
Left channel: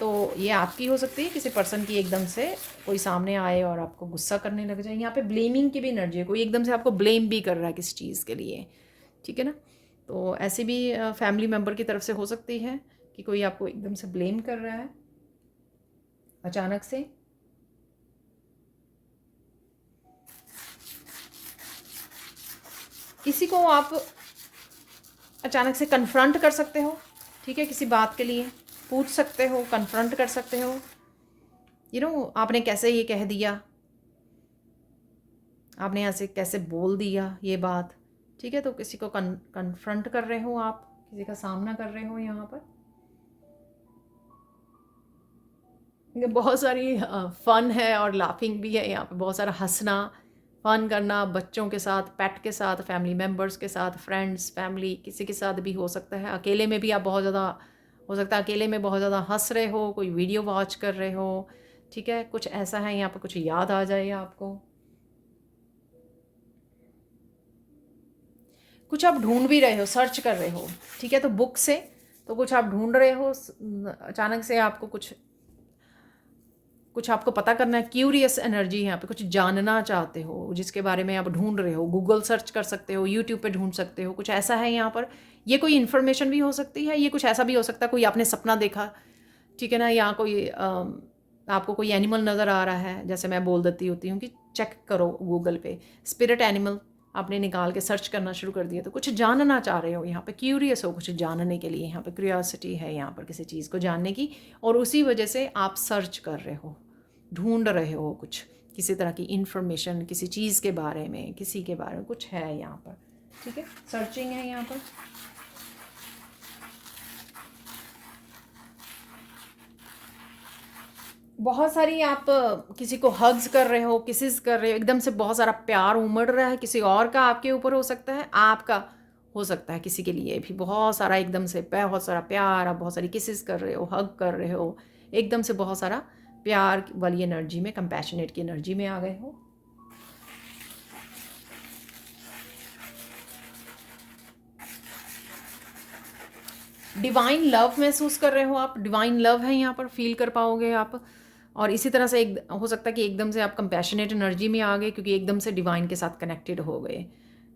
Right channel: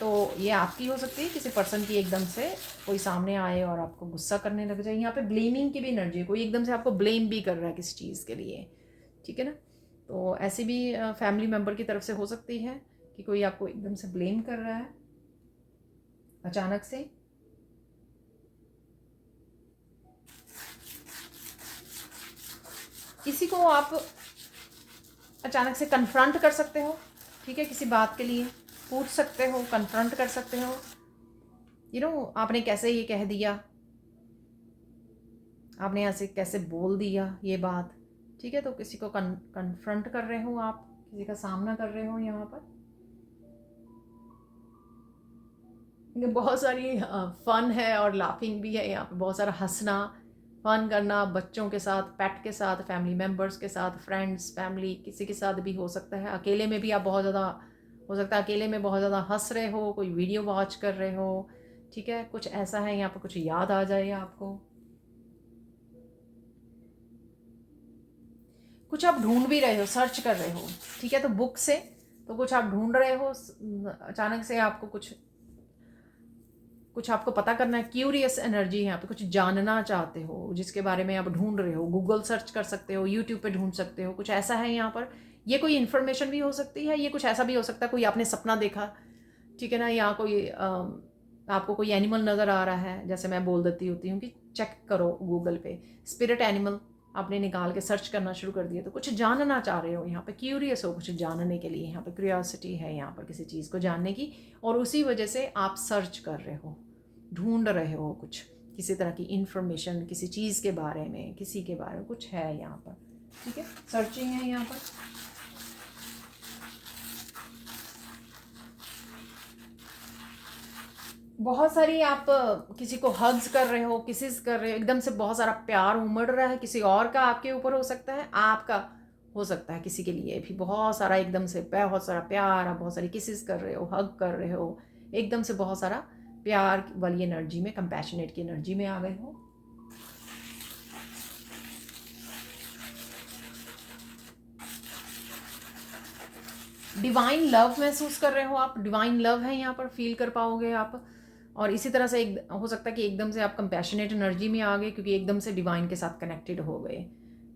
तो ये आपकी हो सकती है, किसी पर्सन की एकदम से कोई सामने आए और आपको गुस्सा करने लग जाए। यहाँ पे ब्लेमिंग की भी एनर्जी है, कोई एकदम से आपको ब्लेम भी कर रहा है किसी चीज़ के लिए। ठीक है ना, तो ऐसे भी फैमिली मेम्बर की तरफ से हो सकती है कि कोई आपको एकदम से ब्लेम कर रहा है अचानक से। किसी को आप अचानक से कन्फ्रंट कर सकते हो। ठीक है, किसी बात के लिए पूछ सकते हो, कन्फ्रंट कर सकते हो, आपने कैसे ये कह दिया, आपने ऐसे कैसे बोल दिया ये बात। ठीक है, तो किसी को कन्फ्रंट कर रहे हो, आप किसी का सामना कर रहे हो यहाँ पर। ये बहुत सारी फन है और लाफिंग भी है यहाँ पे, बहुत सारा हंसना, फन करना बच्चों के साथ, पेट के साथ, फैमिली मेम्बर्स के साथ, फ्रेंड्स, फैमिली, किसी के साथ भी हो सकता है। अकेले में भी आप बहुत ज़्यादा, हो सकता है अकेले में बहुत ज़्यादा हंस रहे हो, कोई वीडियो वॉच कर रहे हो। ठीक है, कुछ ऐसा है यहाँ पे, कुछ याद आ जाए आपको, कुछ आप ढूंढ भी रहे हो, सर्च कर रहे हो। ठीक है, तो बुक से तो कुछ आप ढूंढ रहे हो, अचानक से आपको कुछ आपको पता करना है, क्यूरियस एनर्जी यहाँ पे, कुछ जानना चाहते हो जिसके बारे में आप ढूंढ रहे हो, गूगल सर्च कर सकते हो, यूट्यूब पे ढूंढ सकते हो, कुछ ऐसा है यहाँ पर। ये कोई इन्फॉर्मेशन भी हो सकती है, ये कुछ ऐसा भी हो सकता है कोई आपने सपना देखा। ठीक है ना, यहाँ कोई आपको कोई एनिमल नज़र आ रहा है, जैसे मैं बोल देती होती हूँ कि चेक करो गूगल पे स्पिरिट एनिमल, आपने निकाल के सर्च करना शुरू कर दिया, तो कुछ जानना चाह रहे हो यहाँ पे, क्यूरियस हो कुछ जानने के लिए, यहाँ पे क्यूरियोसिटी है यहाँ पर किसी चीज़ को जानने की, और उसी वजह से आप सर्च कर रहे हो, ढूंढ रहे हो कुछ, किसी तरह की इंफॉर्मेशन, किसी चीज़ के बारे में, किसी के बारे में कुछ है यहाँ पर। ठीक है, सर्चिंग है यहाँ पर। बहुत सारी आप किसी को हग्स कर रहे हो, किसिस कर रहे हो, एकदम से बहुत सारा प्यार उमड़ रहा है, किसी और का आपके ऊपर हो सकता है, आपका हो सकता है किसी के लिए भी बहुत सारा, एकदम से बहुत सारा प्यार, आप बहुत सारी किसिस कर रहे हो, हग कर रहे हो, एकदम से बहुत सारा प्यार वाली एनर्जी में, कंपैशनेट की एनर्जी में आ गए हो। डिवाइन लव महसूस कर रहे हो आप, डिवाइन लव है यहाँ पर, फील कर पाओगे आप। और इसी तरह से एक हो सकता है कि एकदम से आप कंपैशनेट एनर्जी में आ गए, क्योंकि एकदम से डिवाइन के साथ कनेक्टेड हो गए।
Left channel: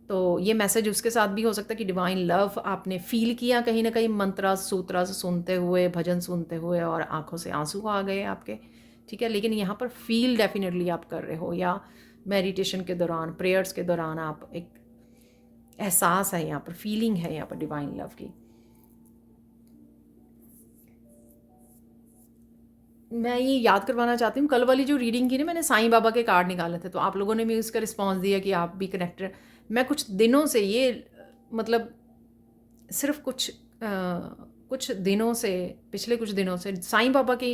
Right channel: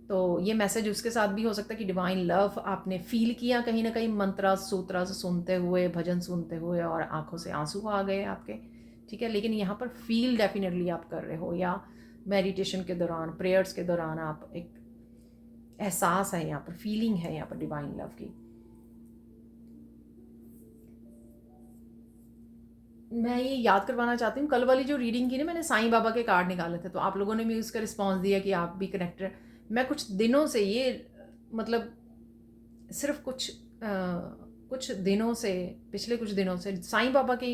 तो ये मैसेज उसके साथ भी हो सकता है कि डिवाइन लव आपने फील किया कहीं ना कहीं, मंत्रा सूत्रा से सुनते हुए, भजन सुनते हुए, और आंखों से आंसू आ गए आपके, ठीक है। लेकिन यहाँ पर फील डेफिनेटली आप कर रहे हो, या मेडिटेशन के दौरान, प्रेयर्स के दौरान आप एक एहसास है यहाँ पर, फीलिंग है यहाँ पर डिवाइन लव की। मैं ये याद करवाना चाहती हूँ, कल वाली जो रीडिंग की ना, मैंने साईं बाबा के कार्ड निकाले थे, तो आप लोगों ने भी उसका रिस्पॉन्स दिया कि आप भी कनेक्टेड। मैं कुछ दिनों से ये, मतलब सिर्फ कुछ दिनों से, पिछले कुछ दिनों से साईं बाबा की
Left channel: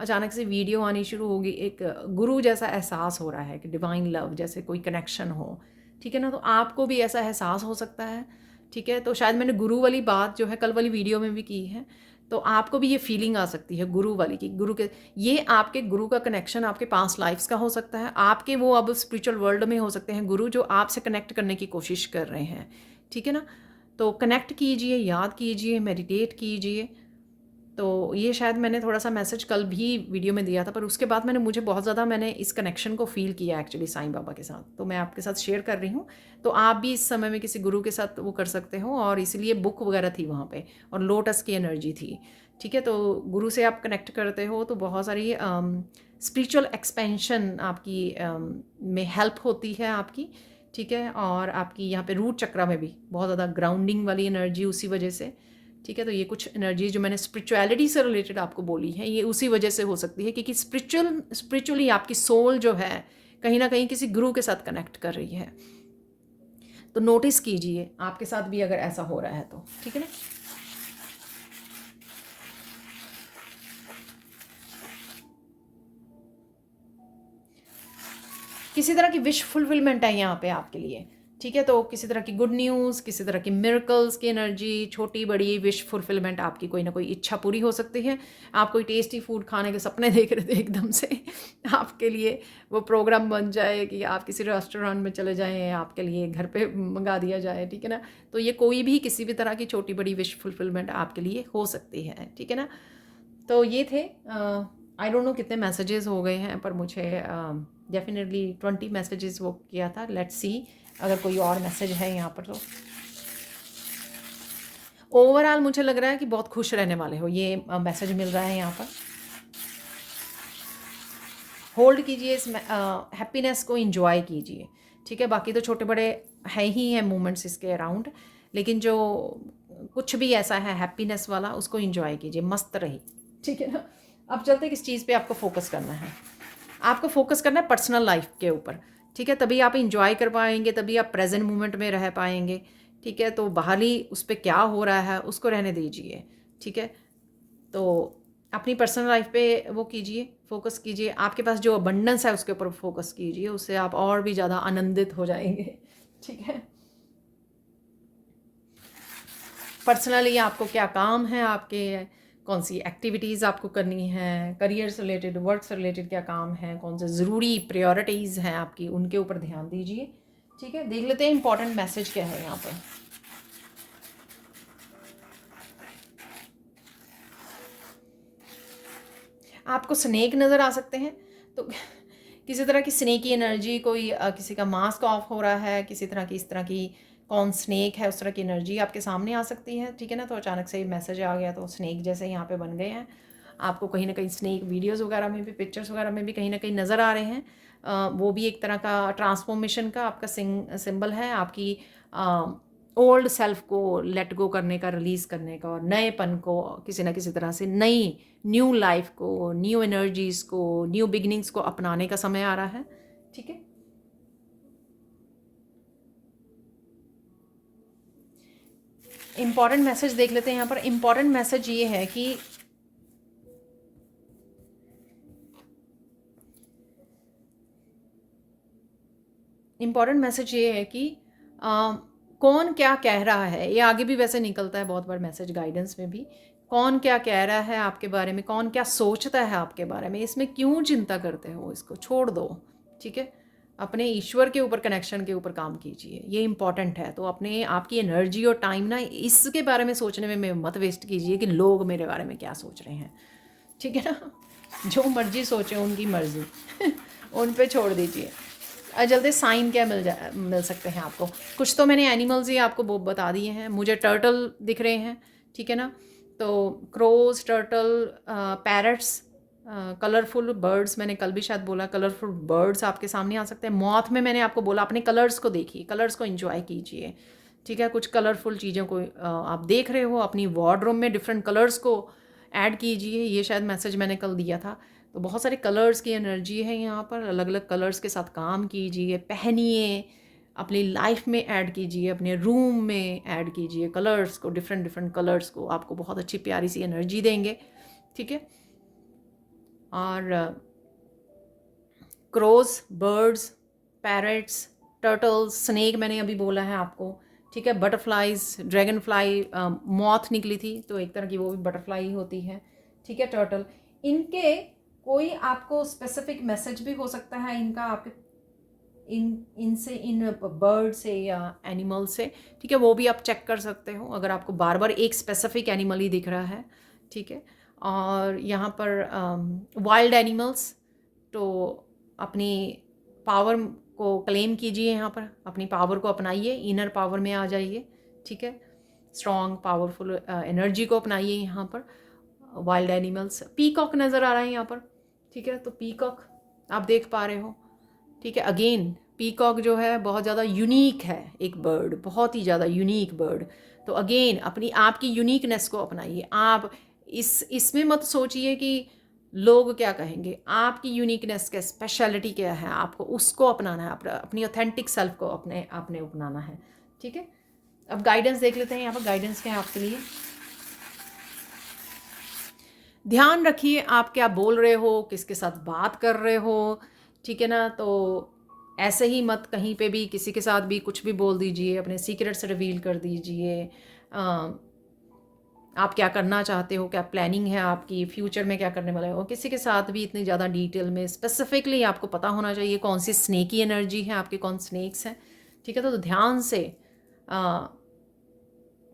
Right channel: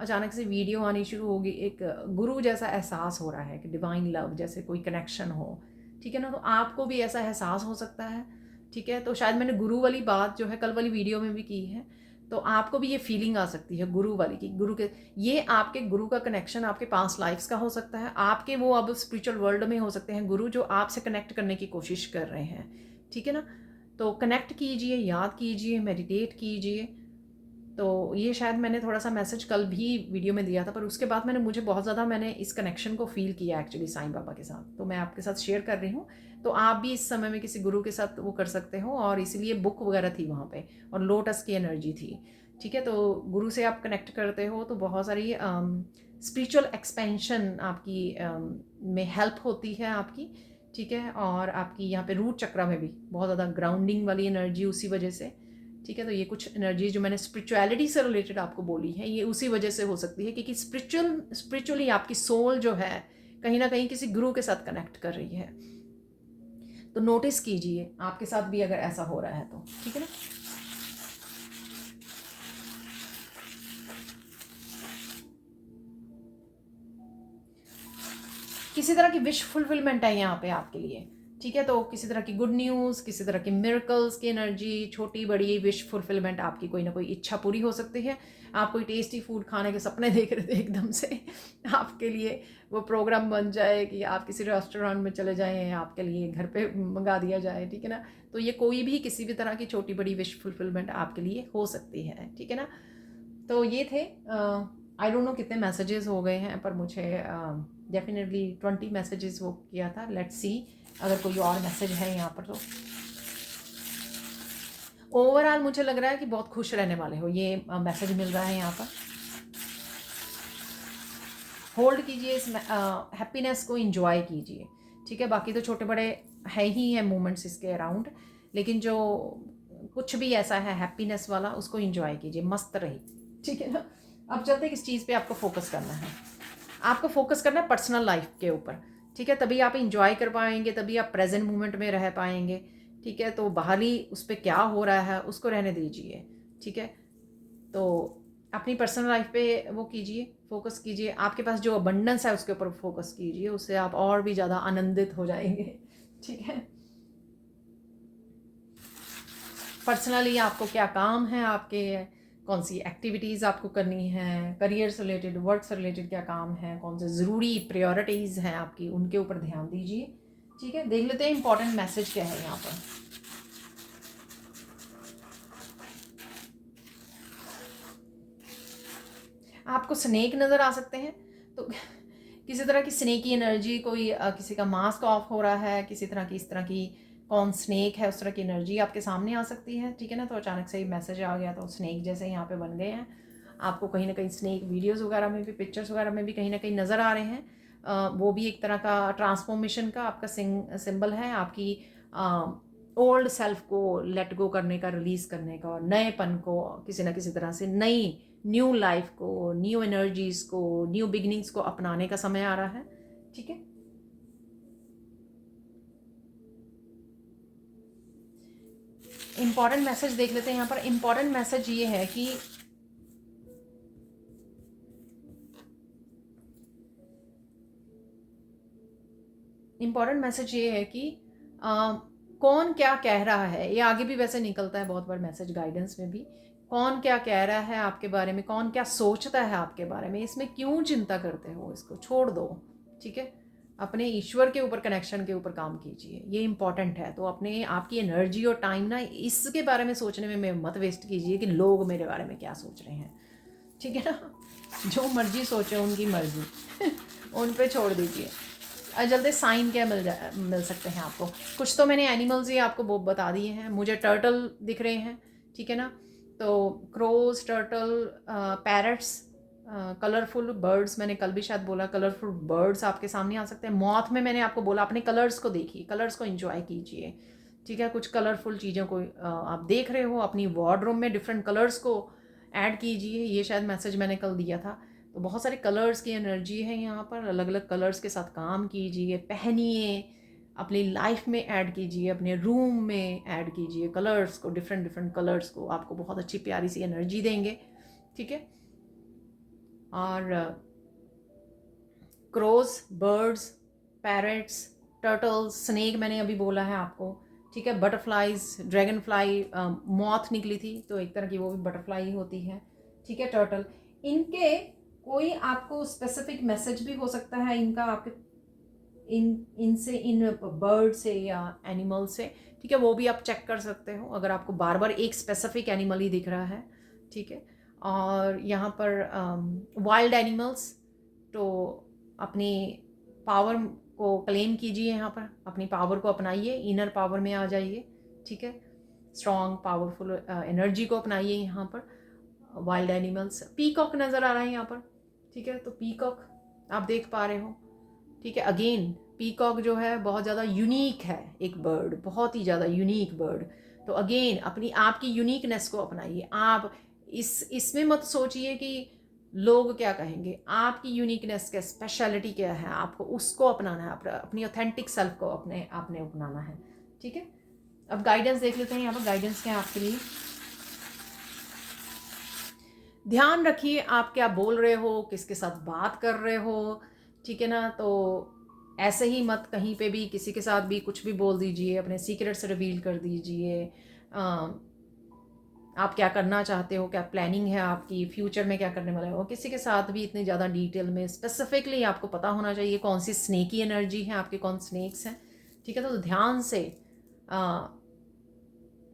अचानक से वीडियो आनी शुरू होगी, एक गुरु जैसा एहसास हो रहा है कि डिवाइन लव जैसे कोई कनेक्शन हो, ठीक है ना। तो आपको भी ऐसा एहसास हो सकता है, ठीक है। तो शायद मैंने गुरु वाली बात जो है कल वाली वीडियो में भी की है, तो आपको भी ये फीलिंग आ सकती है गुरु वाली की, गुरु के, ये आपके गुरु का कनेक्शन आपके पास्ट लाइफ्स का हो सकता है, आपके वो अब स्पिरिचुअल वर्ल्ड में हो सकते हैं गुरु, जो आपसे कनेक्ट करने की कोशिश कर रहे हैं, ठीक है ना। तो कनेक्ट कीजिए, याद कीजिए, मेडिटेट कीजिए। तो ये शायद मैंने थोड़ा सा मैसेज कल भी वीडियो में दिया था, पर उसके बाद मुझे बहुत ज़्यादा मैंने इस कनेक्शन को फील किया एक्चुअली साईं बाबा के साथ, तो मैं आपके साथ शेयर कर रही हूँ। तो आप भी इस समय में किसी गुरु के साथ वो कर सकते हो, और इसलिए बुक वगैरह थी वहाँ पे, और लोटस की एनर्जी थी, ठीक है। तो गुरु से आप कनेक्ट करते हो तो बहुत सारी स्पिरिचुअल एक्सपेंशन आपकी में हेल्प होती है आपकी, ठीक है। और आपकी यहाँ पे रूट चक्रा में भी बहुत ज़्यादा ग्राउंडिंग वाली एनर्जी उसी वजह से, ठीक है। तो ये कुछ एनर्जी जो मैंने स्पिरिचुअलिटी से रिलेटेड आपको बोली है, ये उसी वजह से हो सकती है, क्योंकि स्पिरिचुअली आपकी सोल जो है कहीं ना कहीं किसी गुरु के साथ कनेक्ट कर रही है। तो नोटिस कीजिए आपके साथ भी अगर ऐसा हो रहा है तो, ठीक है ना। किसी तरह की विश फुलफिलमेंट है यहाँ पे आपके लिए, ठीक है। तो किसी तरह की गुड न्यूज़, किसी तरह की मिरेकल्स की एनर्जी, छोटी बड़ी विश फुलफिलमेंट, आपकी कोई ना कोई इच्छा पूरी हो सकती है। आप कोई टेस्टी फूड खाने के सपने देख रहे थे, एकदम से आपके लिए वो प्रोग्राम बन जाए कि आप किसी रेस्टोरेंट में चले जाएं, आपके लिए घर पे मंगा दिया जाए, ठीक है ना। तो ये कोई भी किसी भी तरह की छोटी बड़ी विश फुलफिलमेंट आपके लिए हो सकती है, ठीक है ना। तो ये थे, आई डोंट नो कितने मैसेजेस हो गए हैं, पर मुझे डेफिनेटली 20 मैसेजेस वो किया था। लेट्स सी अगर कोई और मैसेज है यहाँ पर। तो ओवरऑल मुझे लग रहा है कि बहुत खुश रहने वाले हो, ये मैसेज मिल रहा है यहाँ पर। होल्ड कीजिए इस हैप्पीनेस को, इंजॉय कीजिए, ठीक है। बाकी तो छोटे बड़े है ही हैं मूवमेंट्स इसके अराउंड, लेकिन जो कुछ भी ऐसा है हैप्पीनेस वाला, उसको इंजॉय कीजिए, मस्त रही, ठीक है ना। अब चलते किस चीज़ पे आपको फोकस करना है। आपको फोकस करना है पर्सनल लाइफ के ऊपर, ठीक है। तभी आप इंजॉय कर पाएंगे, तभी आप प्रेजेंट मोमेंट में रह पाएंगे, ठीक है। तो बाहरी उस पर क्या हो रहा है उसको रहने दीजिए, ठीक है। तो अपनी पर्सनल लाइफ पे वो कीजिए, फोकस कीजिए। आपके पास जो अबंडेंस है उसके ऊपर फोकस कीजिए, उससे आप और भी ज़्यादा आनंदित हो जाएंगे, ठीक है। पर्सनली आपको क्या काम है, आपके कौन सी एक्टिविटीज़ आपको करनी है, करियर से रिलेटेड, वर्क से रिलेटेड क्या काम है, कौन से ज़रूरी प्रायोरिटीज़ हैं आपकी, उनके ऊपर ध्यान दीजिए, ठीक है। देख लेते हैं इंपॉर्टेंट मैसेज क्या है यहाँ पे। आपको स्नेक नज़र आ सकते हैं, तो किसी तरह की स्नेकी एनर्जी, कोई किसी का मास्क ऑफ हो रहा है, किसी तरह की इस तरह की, कौन स्नेक है उस तरह की एनर्जी आपके सामने आ सकती है, ठीक है ना। तो अचानक से मैसेज आ गया, तो स्नेक जैसे यहाँ पे बन गए हैं। आपको कहीं ना कहीं स्नेक वीडियोस वगैरह में भी, पिक्चर्स वगैरह में भी कहीं ना कहीं नज़र आ रहे हैं। वो भी एक तरह का ट्रांसफॉर्मेशन का आपका सिंबल है, आपकी ओल्ड सेल्फ को लेट गो करने का, रिलीज़ करने का, और नएपन को किसी ना किसी तरह से, नई न्यू लाइफ को, न्यू एनर्जीज़ को, न्यू बिगनिंग्स को अपनाने का समय आ रहा है, ठीक है। इंपॉर्टेंट मैसेज देख लेते हैं यहाँ पर। इंपॉर्टेंट मैसेज ये है कि इम्पॉर्टेंट मैसेज ये है कि कौन क्या कह रहा है, ये आगे भी वैसे निकलता है बहुत बार मैसेज गाइडेंस में भी। कौन क्या कह रहा है आपके बारे में, कौन क्या सोचता है आपके बारे में, इसमें क्यों चिंता करते हो, इसको छोड़ दो, ठीक है। अपने ईश्वर के ऊपर, कनेक्शन के ऊपर काम कीजिए, ये इंपॉर्टेंट है। तो अपने आपकी एनर्जी और टाइम ना इसके बारे में सोचने में मत वेस्ट कीजिए कि लोग मेरे बारे में क्या सोच रहे हैं, ठीक है ना। जो मर्जी सोचे, उनकी मर्जी उन पे छोड़ दीजिए। जल्दी साइन क्या मिल सकते हैं आपको। कुछ तो मैंने एनिमल्स ही आपको वो बता दिए हैं। मुझे टर्टल दिख रहे हैं, ठीक है ना। तो crows, turtle, parrots, colourful birds, मैंने कल भी शायद बोला कलरफुल बर्ड्स आपके सामने आ सकते हैं। मॉथ में मैंने आपको बोला अपने कलर्स को देखिए, कलर्स को एंजॉय कीजिए, ठीक है। कुछ कलरफुल चीज़ों को आप देख रहे हो, अपनी वार्डरोब में डिफरेंट कलर्स को ऐड कीजिए। ये शायद मैसेज मैंने कल दिया था। तो बहुत सारे कलर्स की एनर्जी है यहाँ पर, अलग अलग कलर्स के साथ काम कीजिए, पहनिए, अपनी लाइफ में ऐड कीजिए, अपने रूम में ऐड कीजिए कलर्स को, डिफरेंट डिफरेंट कलर्स को, आपको बहुत अच्छी प्यारी सी एनर्जी देंगे, ठीक है। और crows, birds, parrots, turtles, snake मैंने अभी बोला है आपको, ठीक है। बटरफ्लाइज, ड्रैगन फ्लाई, मॉथ निकली थी तो एक तरह की वो भी बटरफ्लाई ही होती है, ठीक है। टर्टल, इनके कोई आपको स्पेसिफिक मैसेज भी हो सकता है इनका, आपके इनसे, इन बर्ड से या एनिमल से, ठीक है। वो भी आप चेक कर सकते हो अगर आपको बार बार एक स्पेसिफिक एनिमल ही दिख रहा है, ठीक है। और यहाँ पर वाइल्ड एनिमल्स, तो अपनी पावर को क्लेम कीजिए, यहाँ पर अपनी पावर को अपनाइए, इनर पावर में आ जाइए, ठीक है। स्ट्रॉन्ग पावरफुल एनर्जी को अपनाइए यहाँ पर। वाइल्ड एनिमल्स, पीकॉक नज़र आ रहा है यहाँ पर, ठीक है। तो पीकॉक आप देख पा रहे हो, ठीक है। अगेन पीकॉक जो है बहुत ज़्यादा यूनिक है, एक बर्ड, बहुत ही ज़्यादा यूनिक बर्ड। तो अगेन अपनी आपकी यूनिकनेस को अपनाइए। आप इसमें मत सोचिए कि लोग क्या कहेंगे, आपकी यूनिकनेस क्या, स्पेशलिटी क्या है, आपको उसको अपनाना है, अपनी ऑथेंटिक सेल्फ को आपने अपनाना है, ठीक है। अब गाइडेंस देख लेते हैं। यहाँ पर गाइडेंस क्या है आपके लिए। ध्यान रखिए आप क्या बोल रहे हो, किसके साथ बात कर रहे हो, ठीक है ना। तो ऐसे ही मत कहीं पे भी किसी के साथ भी कुछ भी बोल दीजिए, अपने सीक्रेट्स रिवील कर दीजिए। आप क्या करना चाहते हो, क्या प्लानिंग है आपकी, फ्यूचर में क्या करने वाले हो, किसी के साथ भी इतनी ज़्यादा डिटेल में स्पेसिफिकली आपको पता होना चाहिए कौन सी स्नेकी एनर्जी है आपके, कौन स्नेक्स हैं, ठीक है। तो ध्यान से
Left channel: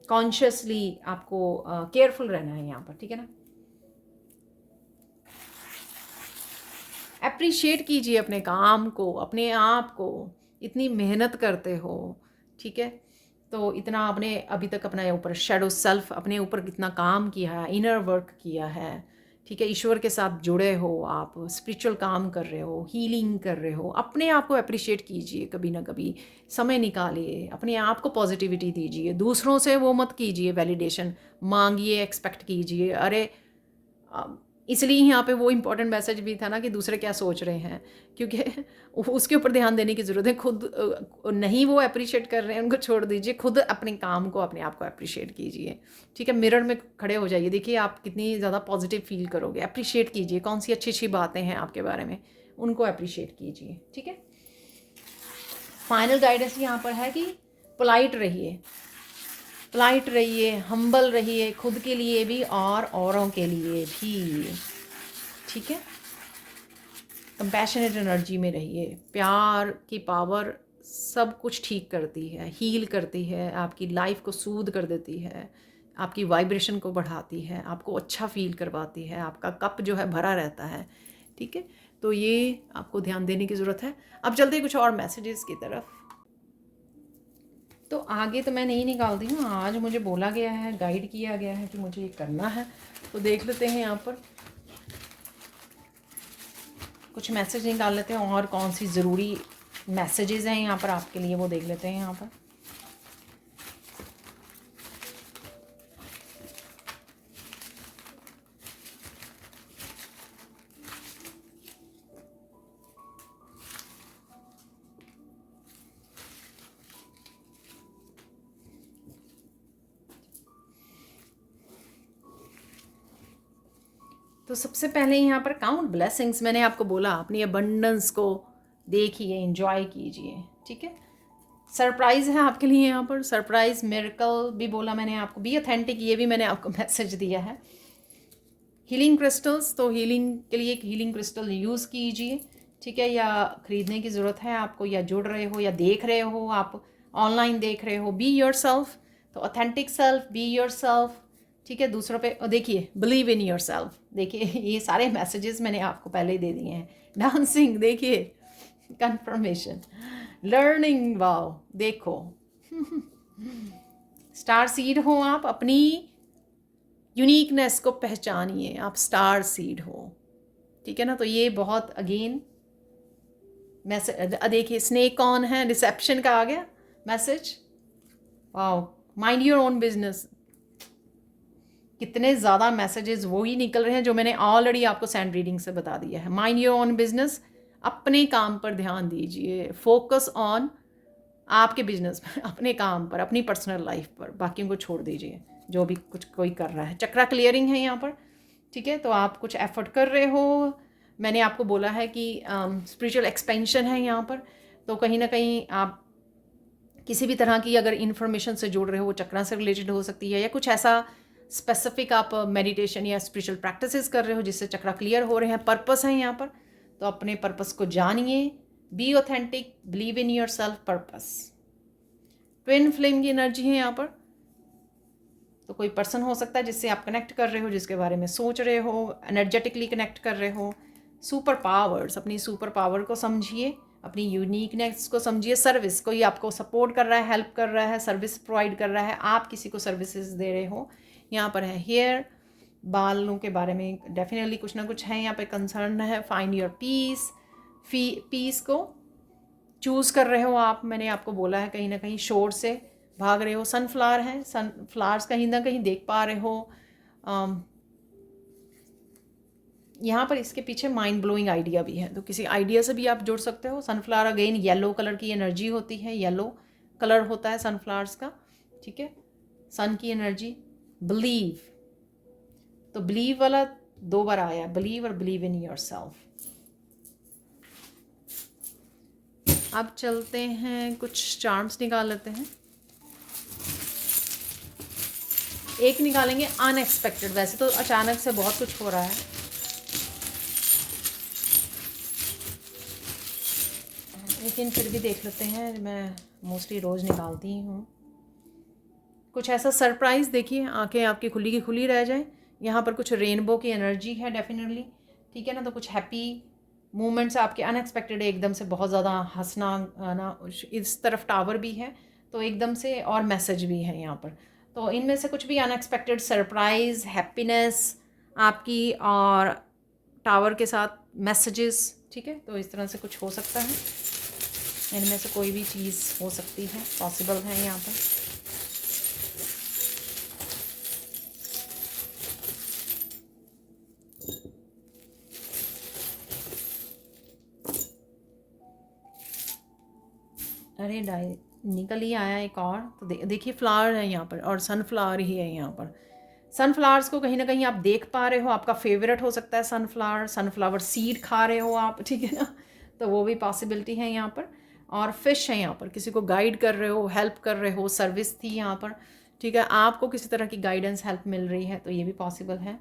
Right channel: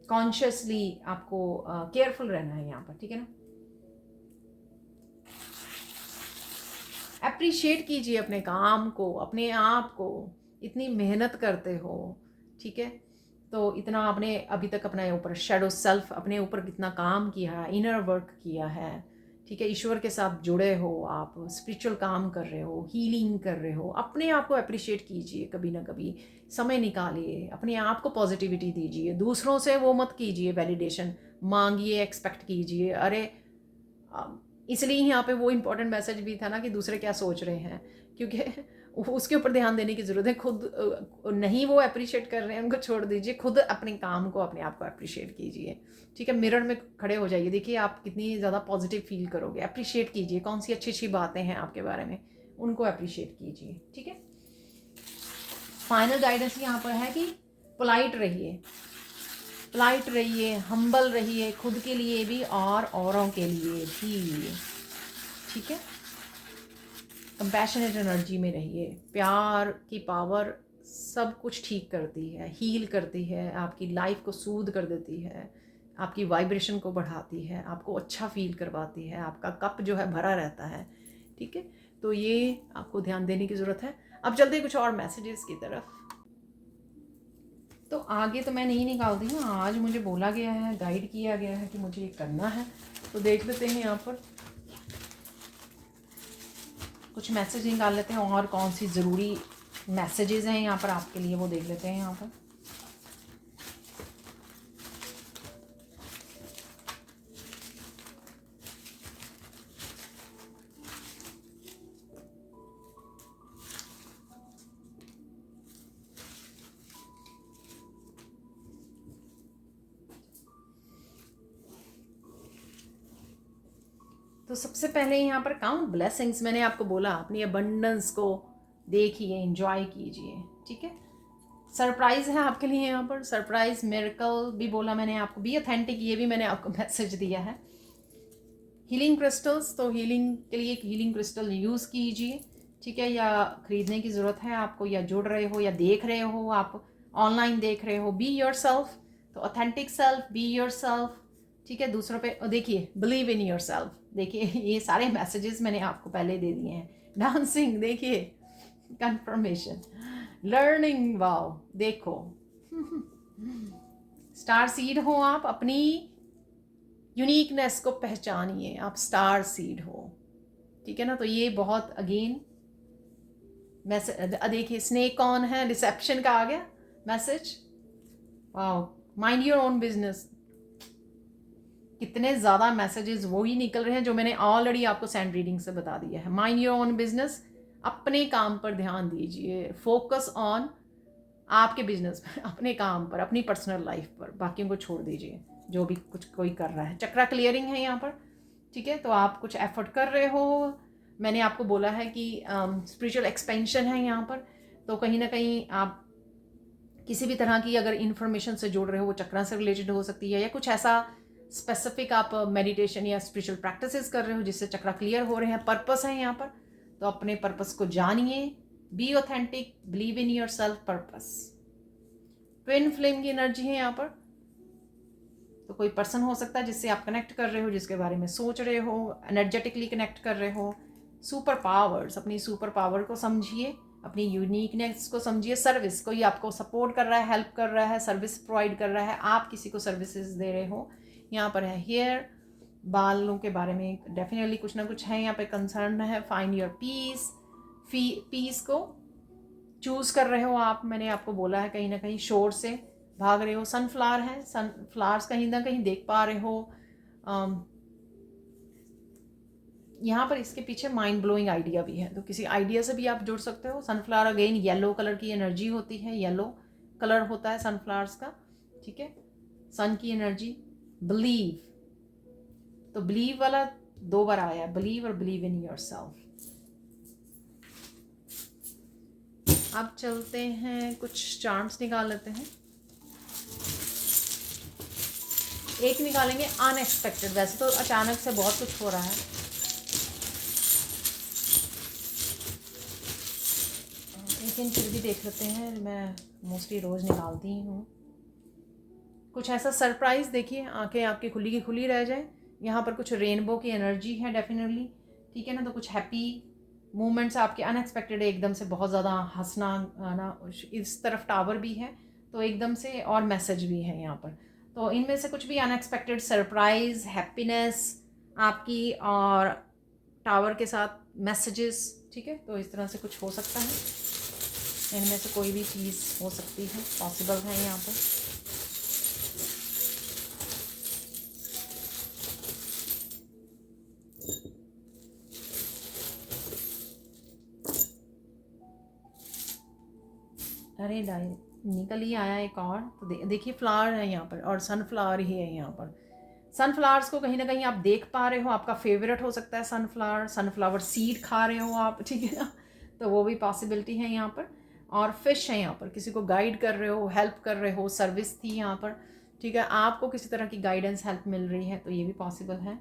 कॉन्शियसली आपको केयरफुल रहना है यहाँ पर, ठीक है ना। अप्रिशिएट कीजिए अपने काम को, अपने आप को, इतनी मेहनत करते हो, ठीक है। तो इतना आपने अभी तक अपने ऊपर शैडो सेल्फ, अपने ऊपर कितना काम किया है, इनर वर्क किया है, ठीक है। ईश्वर के साथ जुड़े हो, आप स्पिरिचुअल काम कर रहे हो, हीलिंग कर रहे हो, अपने आप को अप्रिशिएट कीजिए, कभी ना कभी समय निकालिए, अपने आप को पॉजिटिविटी दीजिए। दूसरों से वो मत कीजिए वैलिडेशन मांगिए, एक्सपेक्ट कीजिए। अरे इसलिए यहाँ पे वो इम्पोर्टेंट मैसेज भी था ना कि दूसरे क्या सोच रहे हैं, क्योंकि उसके ऊपर ध्यान देने की ज़रूरत है। खुद नहीं वो अप्रिशिएट कर रहे हैं, उनको छोड़ दीजिए, खुद अपने काम को, अपने आप को अप्रिशिएट कीजिए, ठीक है। मिरर में खड़े हो जाइए, देखिए आप कितनी ज़्यादा पॉजिटिव फील करोगे। अप्रिशिएट कीजिए, कौन सी अच्छी अच्छी बातें हैं आपके बारे में, उनको अप्रिशिएट कीजिए, ठीक है। फाइनल गाइडेंस यहाँ पर है कि पोलाइट रहिए, पोलाइट रहिए, हम्बल रहिए, खुद के लिए भी और औरों के लिए भी, ठीक है। कंपैशनेट एनर्जी में रहिए। प्यार की पावर सब कुछ ठीक करती है, हील करती है, आपकी लाइफ को सूद कर देती है, आपकी वाइब्रेशन को बढ़ाती है, आपको अच्छा फील करवाती है, आपका कप जो है भरा रहता है, ठीक है। तो ये आपको ध्यान देने की ज़रूरत है। अब चलते कुछ और मैसेजेस की तरफ। तो आगे तो मैं नहीं निकालती हूँ, आज मुझे बोला गया है, गाइड किया गया है कि मुझे ये करना है। तो देख लेते हैं यहाँ पर कुछ मैसेज निकाल लेते हैं, और कौन सी ज़रूरी मैसेजेस हैं यहाँ पर आपके लिए वो देख लेते हैं यहाँ पर। तो सबसे पहले यहाँ पर काउंट ब्लेसिंग्स, मैंने आपको बोला अपनी अबंडेंस को देखिए, एंजॉय कीजिए, ठीक है। सरप्राइज़ है आपके लिए यहाँ पर, सरप्राइज मिरेकल भी बोला मैंने आपको, बी ऑथेंटिक, ये भी मैंने आपको मैसेज दिया है। हीलिंग क्रिस्टल्स, तो हीलिंग के लिए एक हीलिंग क्रिस्टल यूज़ कीजिए, ठीक है, या ख़रीदने की ज़रूरत है आपको, या जुड़ रहे हो, या देख रहे हो, आप ऑनलाइन देख रहे हो, बी योर सेल्फ। तो authentic self, be your self. ठीक है, दूसरों पे देखिए, बिलीव इन योर सेल्फ। देखिए ये सारे मैसेजेस मैंने आपको पहले दे दिए हैं। डांसिंग, देखिए, कंफर्मेशन, लर्निंग, वाओ, देखो स्टार सीड हो आप, अपनी यूनिकनेस को पहचानिए, आप स्टार सीड हो। ठीक है ना, तो ये बहुत अगेन मैसेज। देखिए स्नेक ऑन है, रिसेप्शन का आ गया message. Wow, mind your own business. कितने ज़्यादा मैसेजेस वही निकल रहे हैं जो मैंने ऑलरेडी आपको सैंड रीडिंग से बता दिया है। माइंड योर ओन बिजनेस, अपने काम पर ध्यान दीजिए, फोकस ऑन आपके बिजनेस में, अपने काम पर, अपनी पर्सनल लाइफ पर, बाकियों को छोड़ दीजिए जो भी कुछ कोई कर रहा है। चक्रा क्लियरिंग है यहाँ पर। ठीक है, तो आप कुछ एफर्ट कर रहे हो। मैंने आपको बोला है कि स्पिरिचुअल एक्सपेंशन है यहाँ पर, तो कहीं ना कहीं आप किसी भी तरह की अगर इन्फॉर्मेशन से जुड़ रहे हो, वो चक्रा से रिलेटेड हो सकती है, या कुछ ऐसा स्पेसिफिक आप मेडिटेशन या स्पिरिचुअल प्रैक्टिसेस कर रहे हो जिससे चक्रा क्लियर हो रहे हैं। पर्पस है यहाँ पर, तो अपने पर्पस को जानिए। Be authentic, believe in your self, purpose. Twin flame की एनर्जी है यहाँ पर, तो कोई पर्सन हो सकता है जिससे आप कनेक्ट कर रहे हो, जिसके बारे में सोच रहे हो, एनर्जेटिकली कनेक्ट कर रहे हो। सुपर पावर्स, अपनी सुपर पावर को समझिए, अपनी यूनिकनेस को समझिए। सर्विस, कोई आपको सपोर्ट कर रहा है, हेल्प कर रहा है, सर्विस प्रोवाइड कर रहा है, आप किसी को सर्विसेज दे रहे हो। यहाँ पर है हेयर, बालों के बारे में डेफिनेटली कुछ ना कुछ है यहाँ पे कंसर्न है। फाइंड योर पीस, पीस को चूज़ कर रहे हो आप। मैंने आपको बोला है कहीं ना कहीं शोर से भाग रहे हो। सनफ्लावर है, सनफ्लावर्स कहीं ना कहीं देख पा रहे हो। यहाँ पर इसके पीछे माइंड ब्लोइंग आइडिया भी है, तो किसी आइडिया से भी आप जुड़ सकते हो। सनफ्लावर अगेन येलो कलर की एनर्जी होती है, येलो कलर होता है सनफ्लावर्स का। ठीक है, सन की एनर्जी। बिलीव, तो बिलीव वाला 2 बार आया, बिलीव और बिलीव इन योर सेल्फ। अब चलते हैं, कुछ चार्म्स निकाल लेते हैं। एक निकालेंगे अनएक्सपेक्टेड। वैसे तो अचानक से बहुत कुछ हो रहा है, लेकिन फिर भी देख लेते हैं। मैं मोस्टली रोज़ निकालती ही हूँ। कुछ ऐसा सरप्राइज़, देखिए आंखें आपकी खुली की खुली रह जाए। यहाँ पर कुछ रेनबो की एनर्जी है डेफिनेटली। ठीक है ना, तो कुछ हैप्पी मूवमेंट्स आपके अनएक्सपेक्टेड है, एकदम से बहुत ज़्यादा हंसना ना। इस तरफ टावर भी है, तो एकदम से, और मैसेज भी है यहाँ पर। तो इनमें से कुछ भी अनएक्सपेक्टेड सरप्राइज़, हैप्पीनेस आपकी, और टावर के साथ मैसेजेस। ठीक है, तो इस तरह से कुछ हो सकता है। इनमें से कोई भी चीज़ हो सकती है, पॉसिबल है यहाँ पर। अरे निकल ही आया एक और। तो देखिए फ्लावर है यहाँ पर, और सनफ्लावर ही है यहाँ पर। सनफ्लावर्स को कहीं ना कहीं आप देख पा रहे हो, आपका फेवरेट हो सकता है सनफ्लावर। सनफ्लावर सीड खा रहे हो आप, ठीक है ना, तो वो भी पॉसिबिलिटी है यहाँ पर। और फिश है यहाँ पर, किसी को गाइड कर रहे हो, हेल्प कर रहे हो, सर्विस थी यहाँ पर। ठीक है, आपको किसी तरह की गाइडेंस, हेल्प मिल रही है, तो ये भी पॉसिबल है।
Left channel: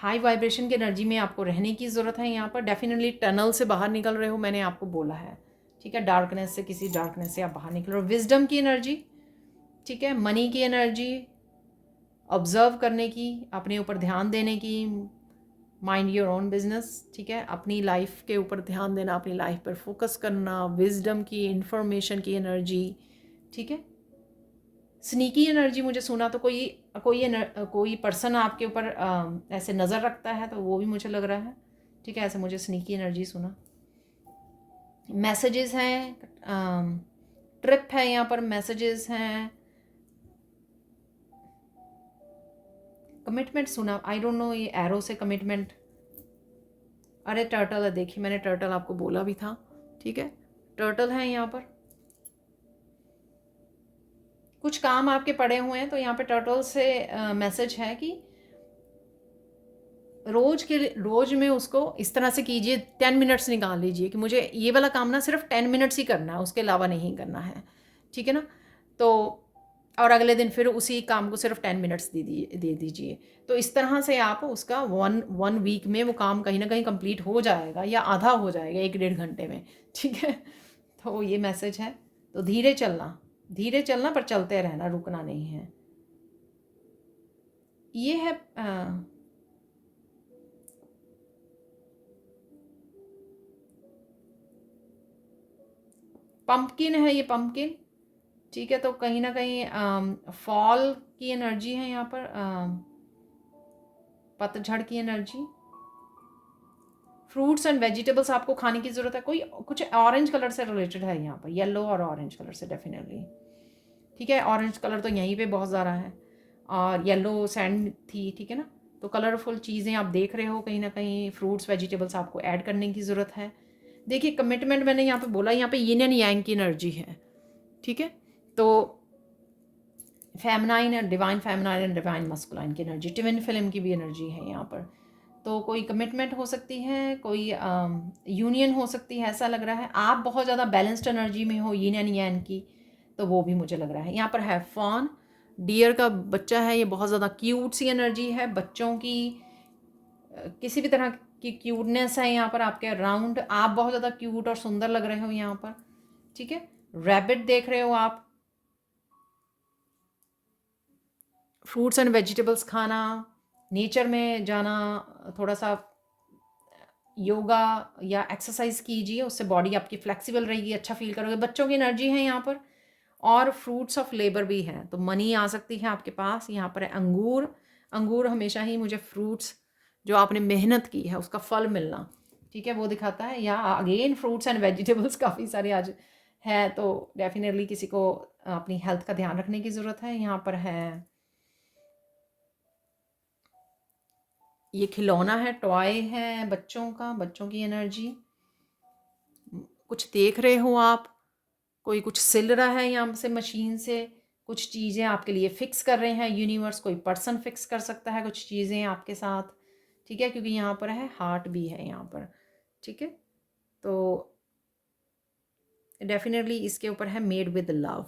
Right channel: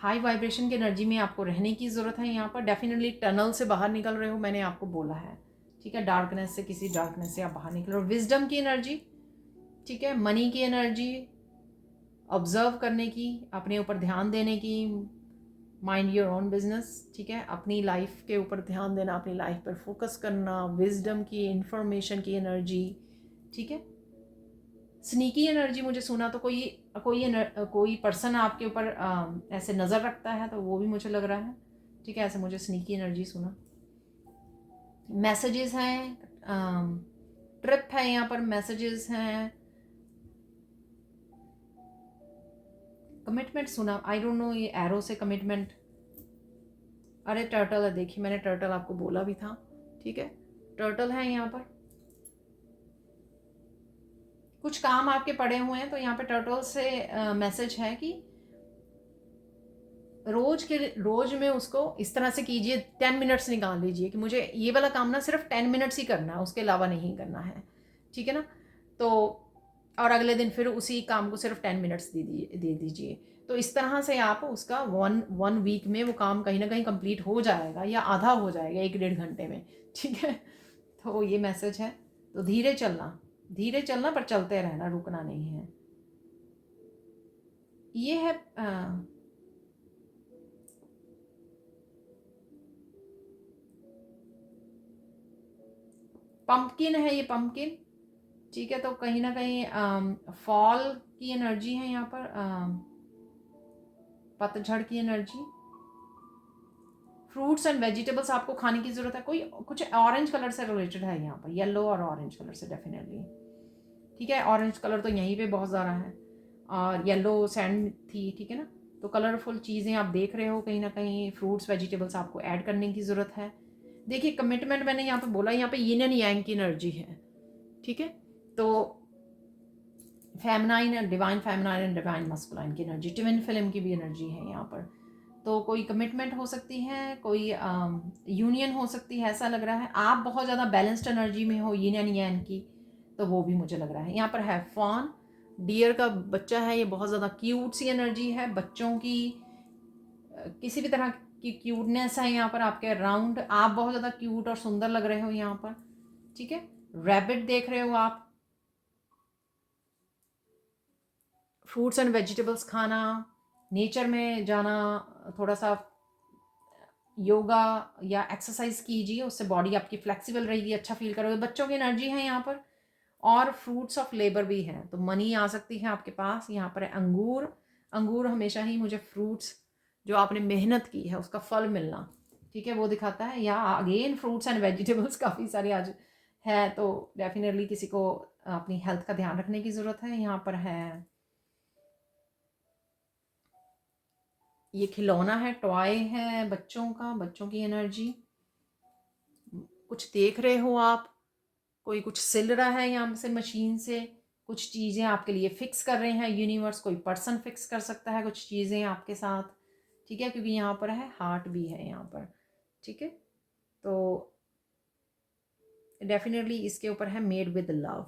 हाई वाइब्रेशन की एनर्जी में आपको रहने की ज़रूरत है यहाँ पर। डेफिनेटली टनल से बाहर निकल रहे हो, मैंने आपको बोला है। ठीक है, डार्कनेस से, किसी डार्कनेस से आप बाहर निकल रहे हो। विजडम की एनर्जी, ठीक है, मनी की एनर्जी, ऑब्जर्व करने की, अपने ऊपर ध्यान देने की, माइंड योर ओन बिजनेस। ठीक है, अपनी लाइफ के ऊपर ध्यान देना, अपनी लाइफ पर फोकस करना, विजडम की, इंफॉर्मेशन की एनर्जी। ठीक है, स्नीकी एनर्जी मुझे सुना, तो कोई पर्सन आपके ऊपर ऐसे नज़र रखता है, तो वो भी मुझे लग रहा है। ठीक है, ऐसे मुझे स्नीकी एनर्जी सुना। मैसेजेस हैं, ट्रिप है यहाँ पर, मैसेजेस हैं, कमिटमेंट सुना। आई डोंट नो, ये एरो से कमिटमेंट। अरे टर्टल है, देखिए मैंने टर्टल आपको बोला भी था। ठीक है, टर्टल है यहाँ पर। कुछ काम आपके पड़े हुए हैं, तो यहाँ पे टर्टल से मैसेज है कि रोज में उसको इस तरह से कीजिए। 10 मिनट्स निकाल लीजिए कि मुझे ये वाला काम ना सिर्फ 10 मिनट्स ही करना है, उसके अलावा नहीं करना है। ठीक है ना, तो और अगले दिन फिर उसी काम को सिर्फ 10 मिनट्स दे दीजिए। तो इस तरह से आप उसका वन वीक में वो काम कहीं ना कहीं कंप्लीट हो जाएगा या आधा हो जाएगा 1 डेढ़ घंटे में। ठीक है, तो ये मैसेज है। तो धीरे चलना पर चलते रहना, रुकना नहीं है। ये है पंपकिन है, ये पंपकिन। ठीक है, तो कहीं ना कहीं फॉल की एनर्जी है यहाँ पर, पतझड़ की एनर्जी। फ्रूट्स एंड वेजिटेबल्स आपको खाने की ज़रूरत है। कोई कुछ ऑरेंज कलर से रिलेटेड है यहाँ पर, येलो और ऑरेंज कलर से डेफिनेटली। ठीक है, ऑरेंज कलर तो यहीं पे बहुत ज़्यादा है और येलो सैंड थी। ठीक है ना, तो कलरफुल चीज़ें आप देख रहे हो, कहीं ना कहीं फ्रूट्स वेजिटेबल्स आपको ऐड करने की ज़रूरत है। देखिए कमिटमेंट मैंने यहाँ पे बोला, यहाँ पे यिन एंड यांग की एनर्जी है। ठीक है, तो फेमिनाइन एंड डिवाइन मस्कुलाइन की एनर्जी, ट्विन फिल्म की भी एनर्जी है यहाँ पर। तो कोई कमिटमेंट हो सकती है, कोई यूनियन हो सकती है, ऐसा लग रहा है। आप बहुत ज़्यादा बैलेंस्ड एनर्जी में हो यिन एंड यांग की, तो वो भी मुझे लग रहा है। यहाँ पर है फॉन, डियर का बच्चा है, ये बहुत ज़्यादा क्यूट सी एनर्जी है। बच्चों की किसी भी तरह की क्यूटनेस है यहाँ पर आपके अराउंड। आप बहुत ज़्यादा क्यूट और सुंदर लग रहे हो यहाँ पर। ठीक है, रैबिट देख रहे हो आप। फ्रूट्स एंड वेजिटेबल्स खाना, नेचर में जाना, थोड़ा सा योगा या एक्सरसाइज कीजिए, उससे बॉडी आपकी फ्लेक्सिबल रहेगी, अच्छा फील करोगे। बच्चों की एनर्जी है यहाँ पर और फ्रूट्स ऑफ लेबर भी हैं, तो मनी आ सकती है आपके पास। यहाँ पर है अंगूर। अंगूर हमेशा ही मुझे फ्रूट्स, जो आपने मेहनत की है उसका फल मिलना, ठीक है, वो दिखाता है। या अगेन फ्रूट्स एंड वेजिटेबल्स काफ़ी सारे आज है, तो डेफिनेटली किसी को अपनी हेल्थ का ध्यान रखने की ज़रूरत है। यहाँ पर है ये खिलौना है, टॉय है बच्चों का, बच्चों की एनर्जी। कुछ देख रहे हो आप, कोई कुछ सिल रहा है यहाँ से मशीन से, कुछ चीज़ें आपके लिए फिक्स कर रहे हैं यूनिवर्स। कोई पर्सन फिक्स कर सकता है कुछ चीज़ें आपके साथ। ठीक है, क्योंकि यहाँ पर है हार्ट भी है यहाँ पर। ठीक है, तो डेफिनेटली इसके ऊपर है मेड विद लव।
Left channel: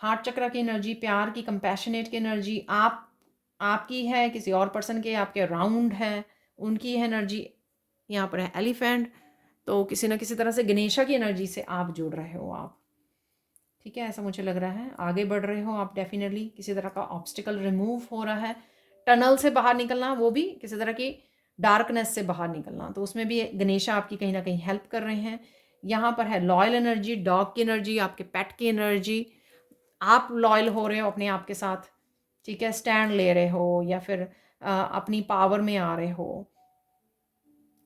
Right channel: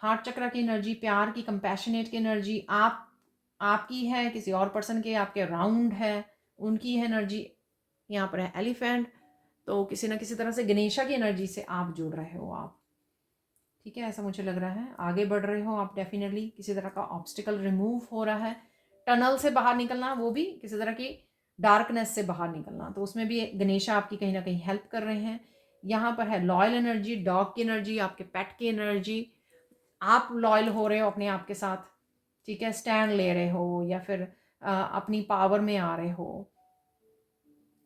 हार्ट चक्र की एनर्जी, प्यार की, कंपैशनेट की एनर्जी आपकी है, किसी और पर्सन के आपके अराउंड है उनकी एनर्जी। यहाँ पर है एलिफेंट, तो किसी ना किसी तरह से गणेशा की एनर्जी से आप जुड़ रहे हो आप। ठीक है, ऐसा मुझे लग रहा है। आगे बढ़ रहे हो आप, डेफिनेटली किसी तरह का ऑब्स्टिकल रिमूव हो रहा है। टनल से बाहर निकलना, वो भी किसी तरह की डार्कनेस से बाहर निकलना, तो उसमें भी गणेशा आपकी कहीं ना कहीं हेल्प कर रहे हैं। यहाँ पर है लॉयल एनर्जी, डॉग की एनर्जी, आपके पेट की एनर्जी। आप लॉयल हो रहे हो अपने आप के साथ। ठीक है, स्टैंड ले रहे हो या फिर अपनी पावर में आ रहे हो।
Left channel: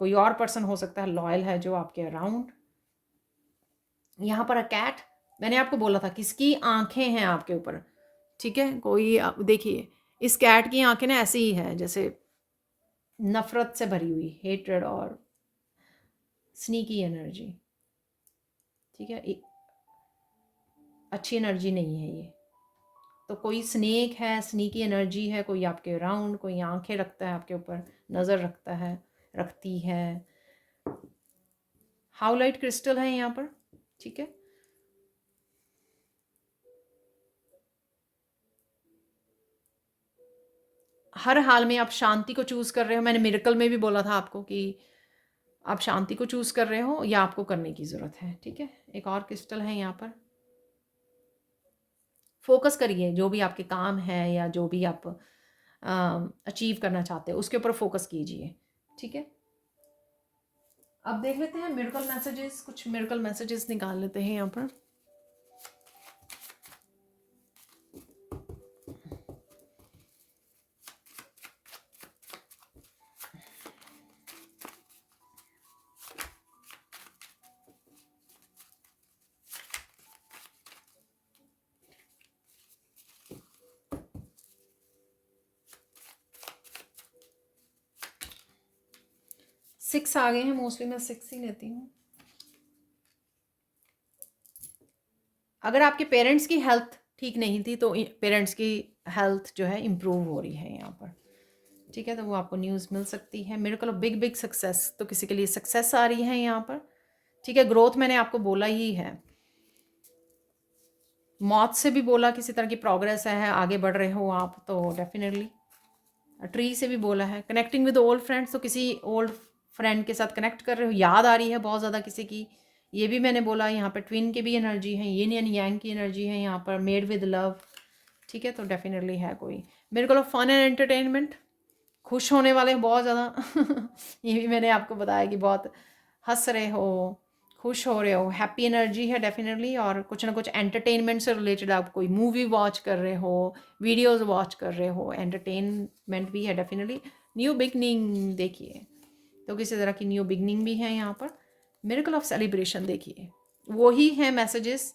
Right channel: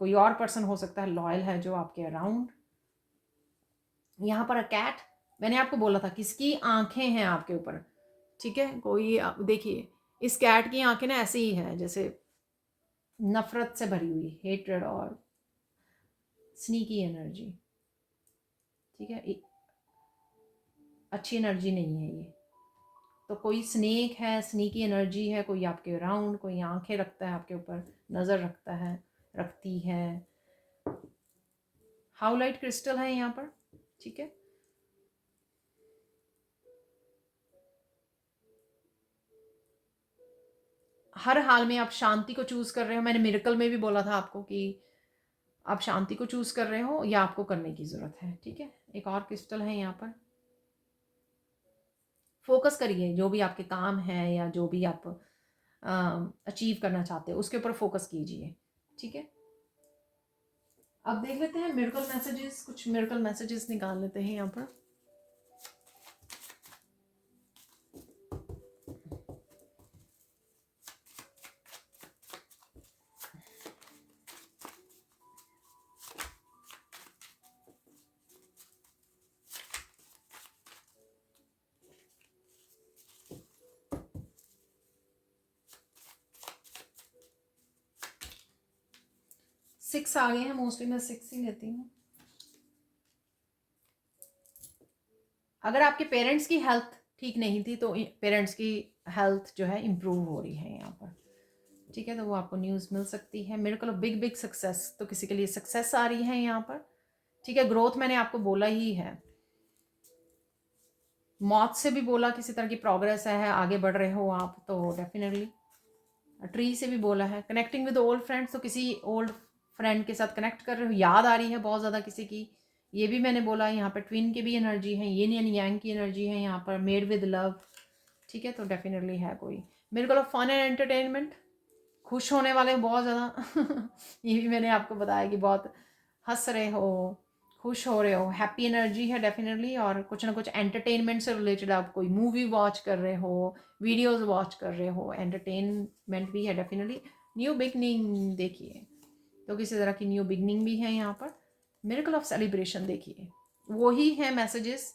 कोई और पर्सन हो सकता है लॉयल है जो आपके अराउंड। यहाँ पर कैट, मैंने आपको बोला था किसकी आंखें हैं आपके ऊपर। ठीक है, कोई देखिए इस कैट की आंखें ना ऐसे ही है जैसे नफरत से भरी हुई, हेट्रेड और स्नीकी एनर्जी। ठीक है, अच्छी एनर्जी नहीं है ये। तो कोई स्नेक है, स्नीकी एनर्जी है, कोई आपके अराउंड, कोई आंखें रखता है आपके ऊपर, नज़र रखता है, रखती है। हाउलाइट क्रिस्टल है यहाँ पर। ठीक है, हर हाल में आप शांति को चूज कर रहे हो। मैंने मिरेकल में भी बोला था आपको कि आप शांति को चूज कर रहे हो या आपको करने की जरूरत है। ठीक है, एक और क्रिस्टल है यहाँ पर। फोकस करिए, जो भी आपके काम है या जो भी आप अचीव करना चाहते हो उसके ऊपर फोकस कीजिए। ठीक है, अब देख लेते हैं मिरेकल मैसेजेस, कुछ मिरेकल मैसेजेस निकाल लेते हैं यहाँ पर। सिक्स आ गए हैं, मोस्टली मैं सिक्स ही लेती हूँ। अगर आपके पेरेंट्स की हेल्थ ठीक नहीं थी तो पेरेंट्स की हेल्थ जो है इम्प्रूव हो रही है यहाँ पर। ठीक है, तो वो आपको न्यूज़ मिल सकती है। मेरे को बिग बिग सक्सेस, तो किसी के लिए सक्सेस आ रही है यहाँ पर। ठीक है, ग्रोथ मैंने आपको बोला ही है। मौत से भी बोला, किसी तरह की प्रोग्रेस है, आगे बढ़ रहे हो आप, तो डेफिनेटली। ट्री से भी बोला है कनेक्टिंग विद ओल्ड फ्रेंड्स, तो किसी ओल्ड फ्रेंड के साथ कनेक्ट कर रहे हो, याद आ रही है बहुत ज़्यादा किसी की, ये भी मैंने बोला। यहाँ पर ट्विन की भी एनर्जी है, यिन एंड यांग की एनर्जी है यहाँ पर, मेड विद लव, ठीक है। तो डेफिनेटली है कोई मेरे को फन एंड एंटरटेनमेंट, खुश होने वाले बहुत ज़्यादा ये भी मैंने आपको बताया कि बहुत हंस रहे हो, खुश हो रहे हो, हैप्पी एनर्जी है डेफिनेटली। और कुछ ना कुछ एंटरटेनमेंट से रिलेटेड आप कोई मूवी वॉच कर रहे हो, वीडियोस वॉच कर रहे हो, एंटरटेनमेंट भी है डेफिनेटली। न्यू बिगनिंग देखिए, तो किसी तरह की न्यू बिगनिंग भी है यहाँ पर। मिरेकल ऑफ सेलिब्रेशन देखिए, वही है मैसेजेस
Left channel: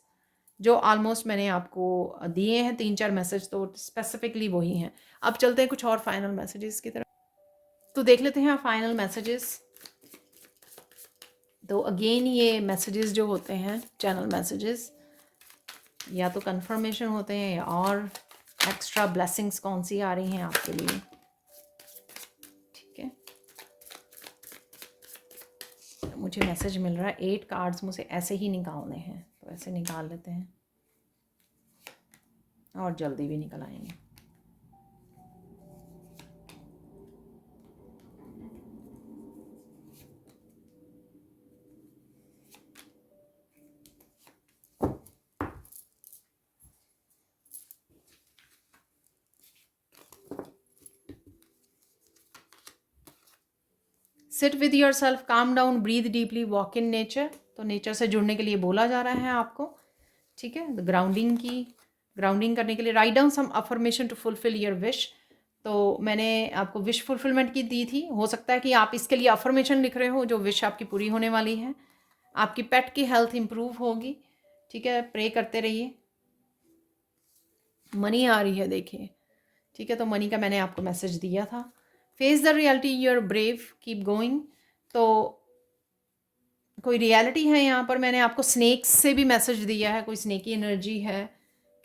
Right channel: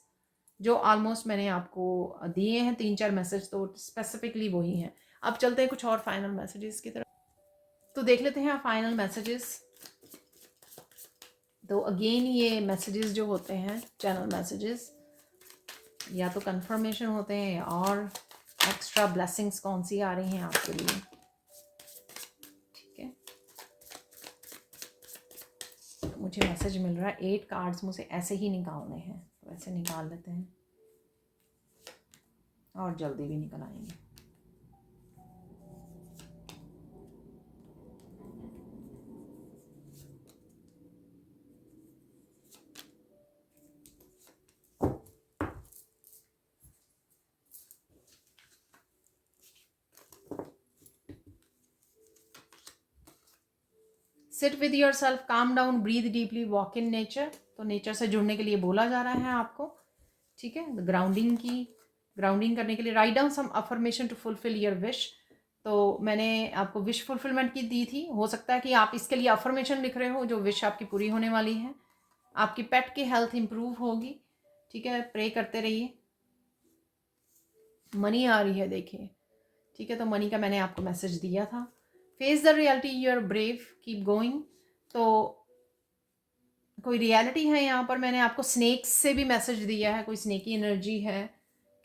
जो ऑलमोस्ट मैंने आपको दिए हैं, 3-4 मैसेज तो स्पेसिफिकली वही हैं। अब चलते हैं कुछ और फाइनल मैसेजेस की तरफ, तो देख लेते हैं फाइनल मैसेजेस। तो अगेन ये मैसेजेस जो होते हैं, चैनल मैसेजेस, या तो कंफर्मेशन होते हैं या और एक्स्ट्रा ब्लेसिंग्स कौन सी आ रही हैं आपके लिए, ठीक है। तो मुझे मैसेज मिल रहा है 8 कार्ड्स मुझे ऐसे ही निकालने हैं, तो ऐसे निकाल लेते हैं और जल्दी भी निकल आएंगे। Sit with yourself, calm down, breathe deeply, walk in nature. तो नेचर से जुड़ने के लिए बोला जा रहा है आपको, ठीक है। ग्राउंडिंग करने के लिए write down some affirmation to fulfil your wish. तो मैंने आपको विश फुलफिलमेंट की दी थी, हो सकता है कि आप इसके लिए अफर्मेशन लिख रहे हो जो विश आपकी पूरी होने वाली है। आपकी पेट की हेल्थ इंप्रूव होगी, ठीक है, प्रे करते रहिए। मनी आ रही है देखिए, ठीक है। तो मनी का मैंने आपको मैसेज दिया था। Face the reality, you are brave, keep going. तो कोई रियलिटी है यहाँ पर, मैंने आपको स्नेक्स से भी मैसेज दिया है, कोई स्नेकी एनर्जी है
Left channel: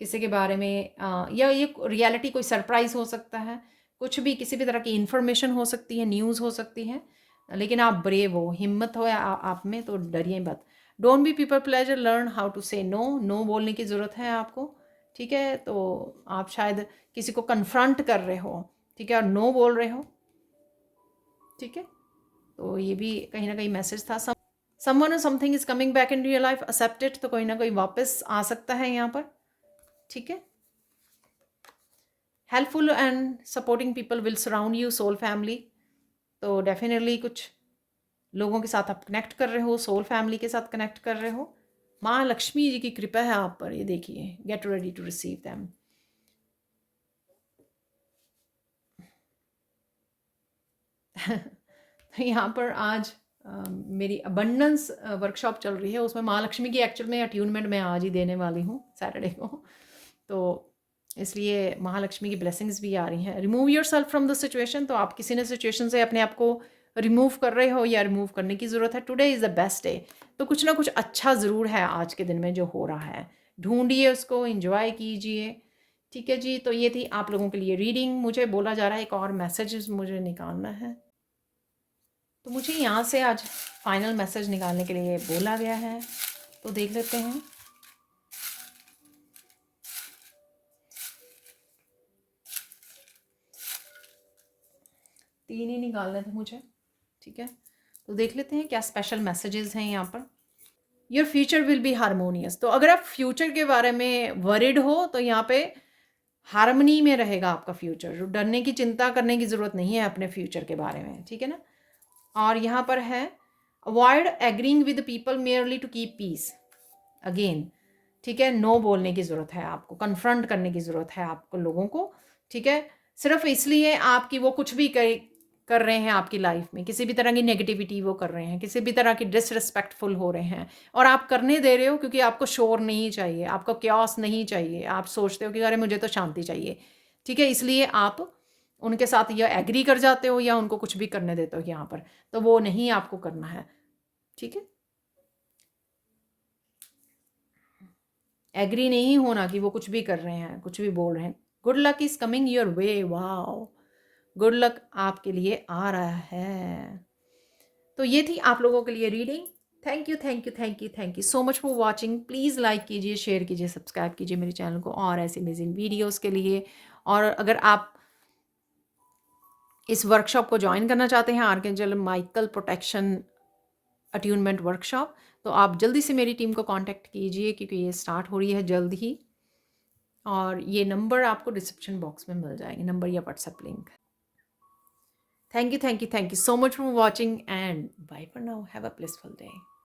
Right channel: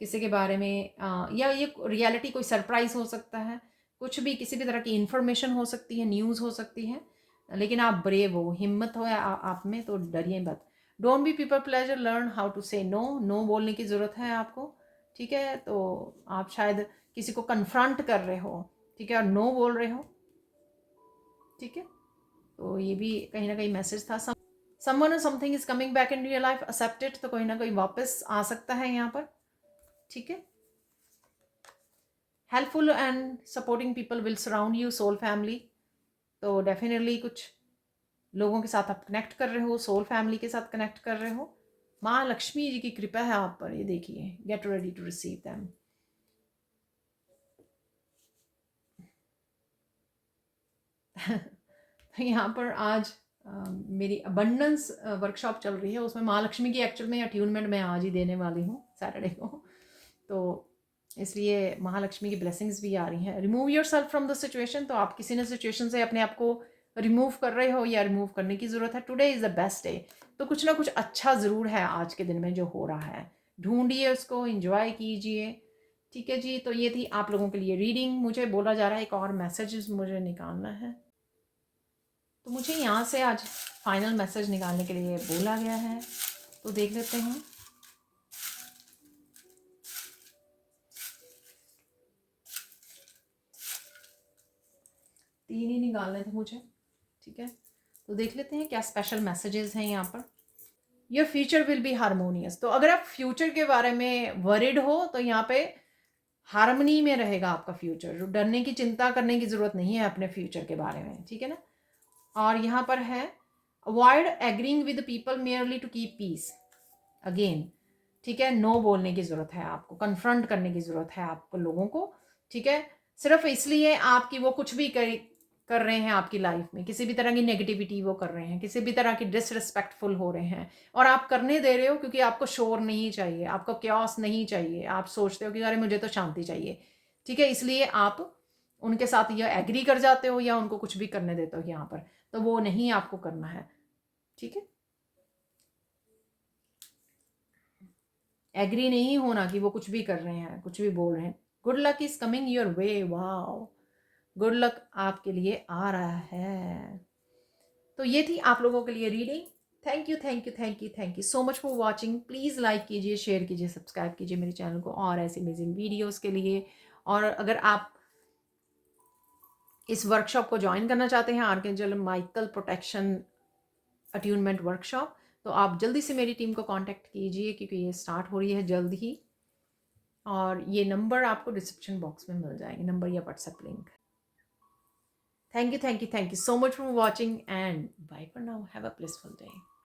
किसी के बारे में, या ये रियलिटी कोई सरप्राइज हो सकता है, कुछ भी, किसी भी तरह की इंफॉर्मेशन हो सकती है, न्यूज़ हो सकती है। लेकिन आप ब्रेव हो, हिम्मत हो आप में, तो डरिए मत। Don't be people pleaser, learn how to say no. No बोलने की ज़रूरत है आपको, ठीक है। तो आप शायद किसी को कन्फ्रंट कर रहे हो, ठीक है, और नो बोल रहे हो, ठीक है। तो ये भी कहीं ना कहीं मैसेज था। समवन और something is coming back in real life, accept it. तो कोई ना कोई वापस आ सकता है यहाँ पर, ठीक है। Helpful and supporting people will surround you, soul family. तो डेफिनेटली कुछ लोगों के साथ आप कनेक्ट कर रहे हो, सोल फैमिली के साथ कनेक्ट कर रहे हो। माँ लक्ष्मी जी की कृपा है आप पर, ये देखिए, get ready to receive them. यहाँ पर आज मेरी अबंडेंस वर्कशॉप चल रही है, उसमें माँ लक्ष्मी की एक्चुअल में अट्यूनमेंट मैं आज ही देने वाली हूँ सैटरडे को। तो इसलिए महालक्ष्मी की ब्लेसिंग्स भी आ रही हैं। Remove your self from the situation, तो आप किसी न सिचुएशन से अपने आप को रिमूव कर रहे हो या रिमूव करने की ज़रूरत है। Today is the best day, तो कुछ ना कुछ अच्छा ज़रूर है आज के दिन में जो हो रहा है, ढूंढिए उसको, इंजॉय कीजिए, ठीक है जी। तो ये थी आप लोगों के लिए रीडिंग। मुझे बोला जा रहा है एक और मैसेज मुझे निकालना है, तो मुझे यहाँ से आज फाइनल मैसेज निकालने के लिए बोला गया है, तो देख लेते हैं। तीन ही निकालने थे मुझे, ठीक है। तो देख लेते हैं क्या स्पेशल मैसेजेस हैं यहाँ पर। Your future will be harmonious, तो अगर आप फ्यूचर के बारे में वरिड हो तो यहाँ पे हारमनी में रहेगा आपका फ्यूचर, डरने की चिंता करने की ज़रूरत नहीं है अपने फ्यूचर के बारे में, ठीक है ना। और यहाँ पर है avoid agreeing with people merely to keep peace, again, ठीक है। नो बोलने की ज़रूरत है आपको, कन्फ्रंट करने की ज़रूरत है आपको लोगों को, ठीक है। सिर्फ इसलिए आपकी वो कुछ भी कर रहे हैं आपकी लाइफ में, किसी भी तरह की नेगेटिविटी वो कर रहे हैं, किसी भी तरह की डिसरिस्पेक्टफुल हो रहे हैं, और आप करने दे रहे हो क्योंकि आपको शोर नहीं चाहिए, आपको क्यास नहीं चाहिए, आप सोचते हो कि अरे मुझे तो शांति चाहिए, ठीक है। इसलिए आप उनके साथ या एग्री कर जाते हो या उनको कुछ भी करने देते हो यहाँ पर, तो वो नहीं आपको करना है, ठीक है। एग्री नहीं होना कि वो कुछ भी कर रहे हैं, कुछ भी बोल रहे हैं। Good luck is coming your way, wow, good luck आपके लिए आ रहा है। तो ये थी आप लोगों के लिए reading. Thank you, thank you, thank you, thank you so much for watching. Please like कीजिए, शेयर कीजिए, सब्सक्राइब कीजिए मेरे चैनल को और ऐसे अमेजिंग वीडियोज़ के लिए। और अगर आप इस वर्कशॉप को ज्वाइन करना चाहते हैं, archangel Michael protection attunement workshop, तो आप जल्दी से मेरी टीम को कांटेक्ट कीजिए, क्योंकि ये स्टार्ट हो रही है जल्द ही। और ये नंबर आपको डिस्क्रिप्शन बॉक्स में मिल जाएंगे, नंबर या WhatsApp link. Thank you, thank you, thank you so much for watching and bye for now. Have a blissful day.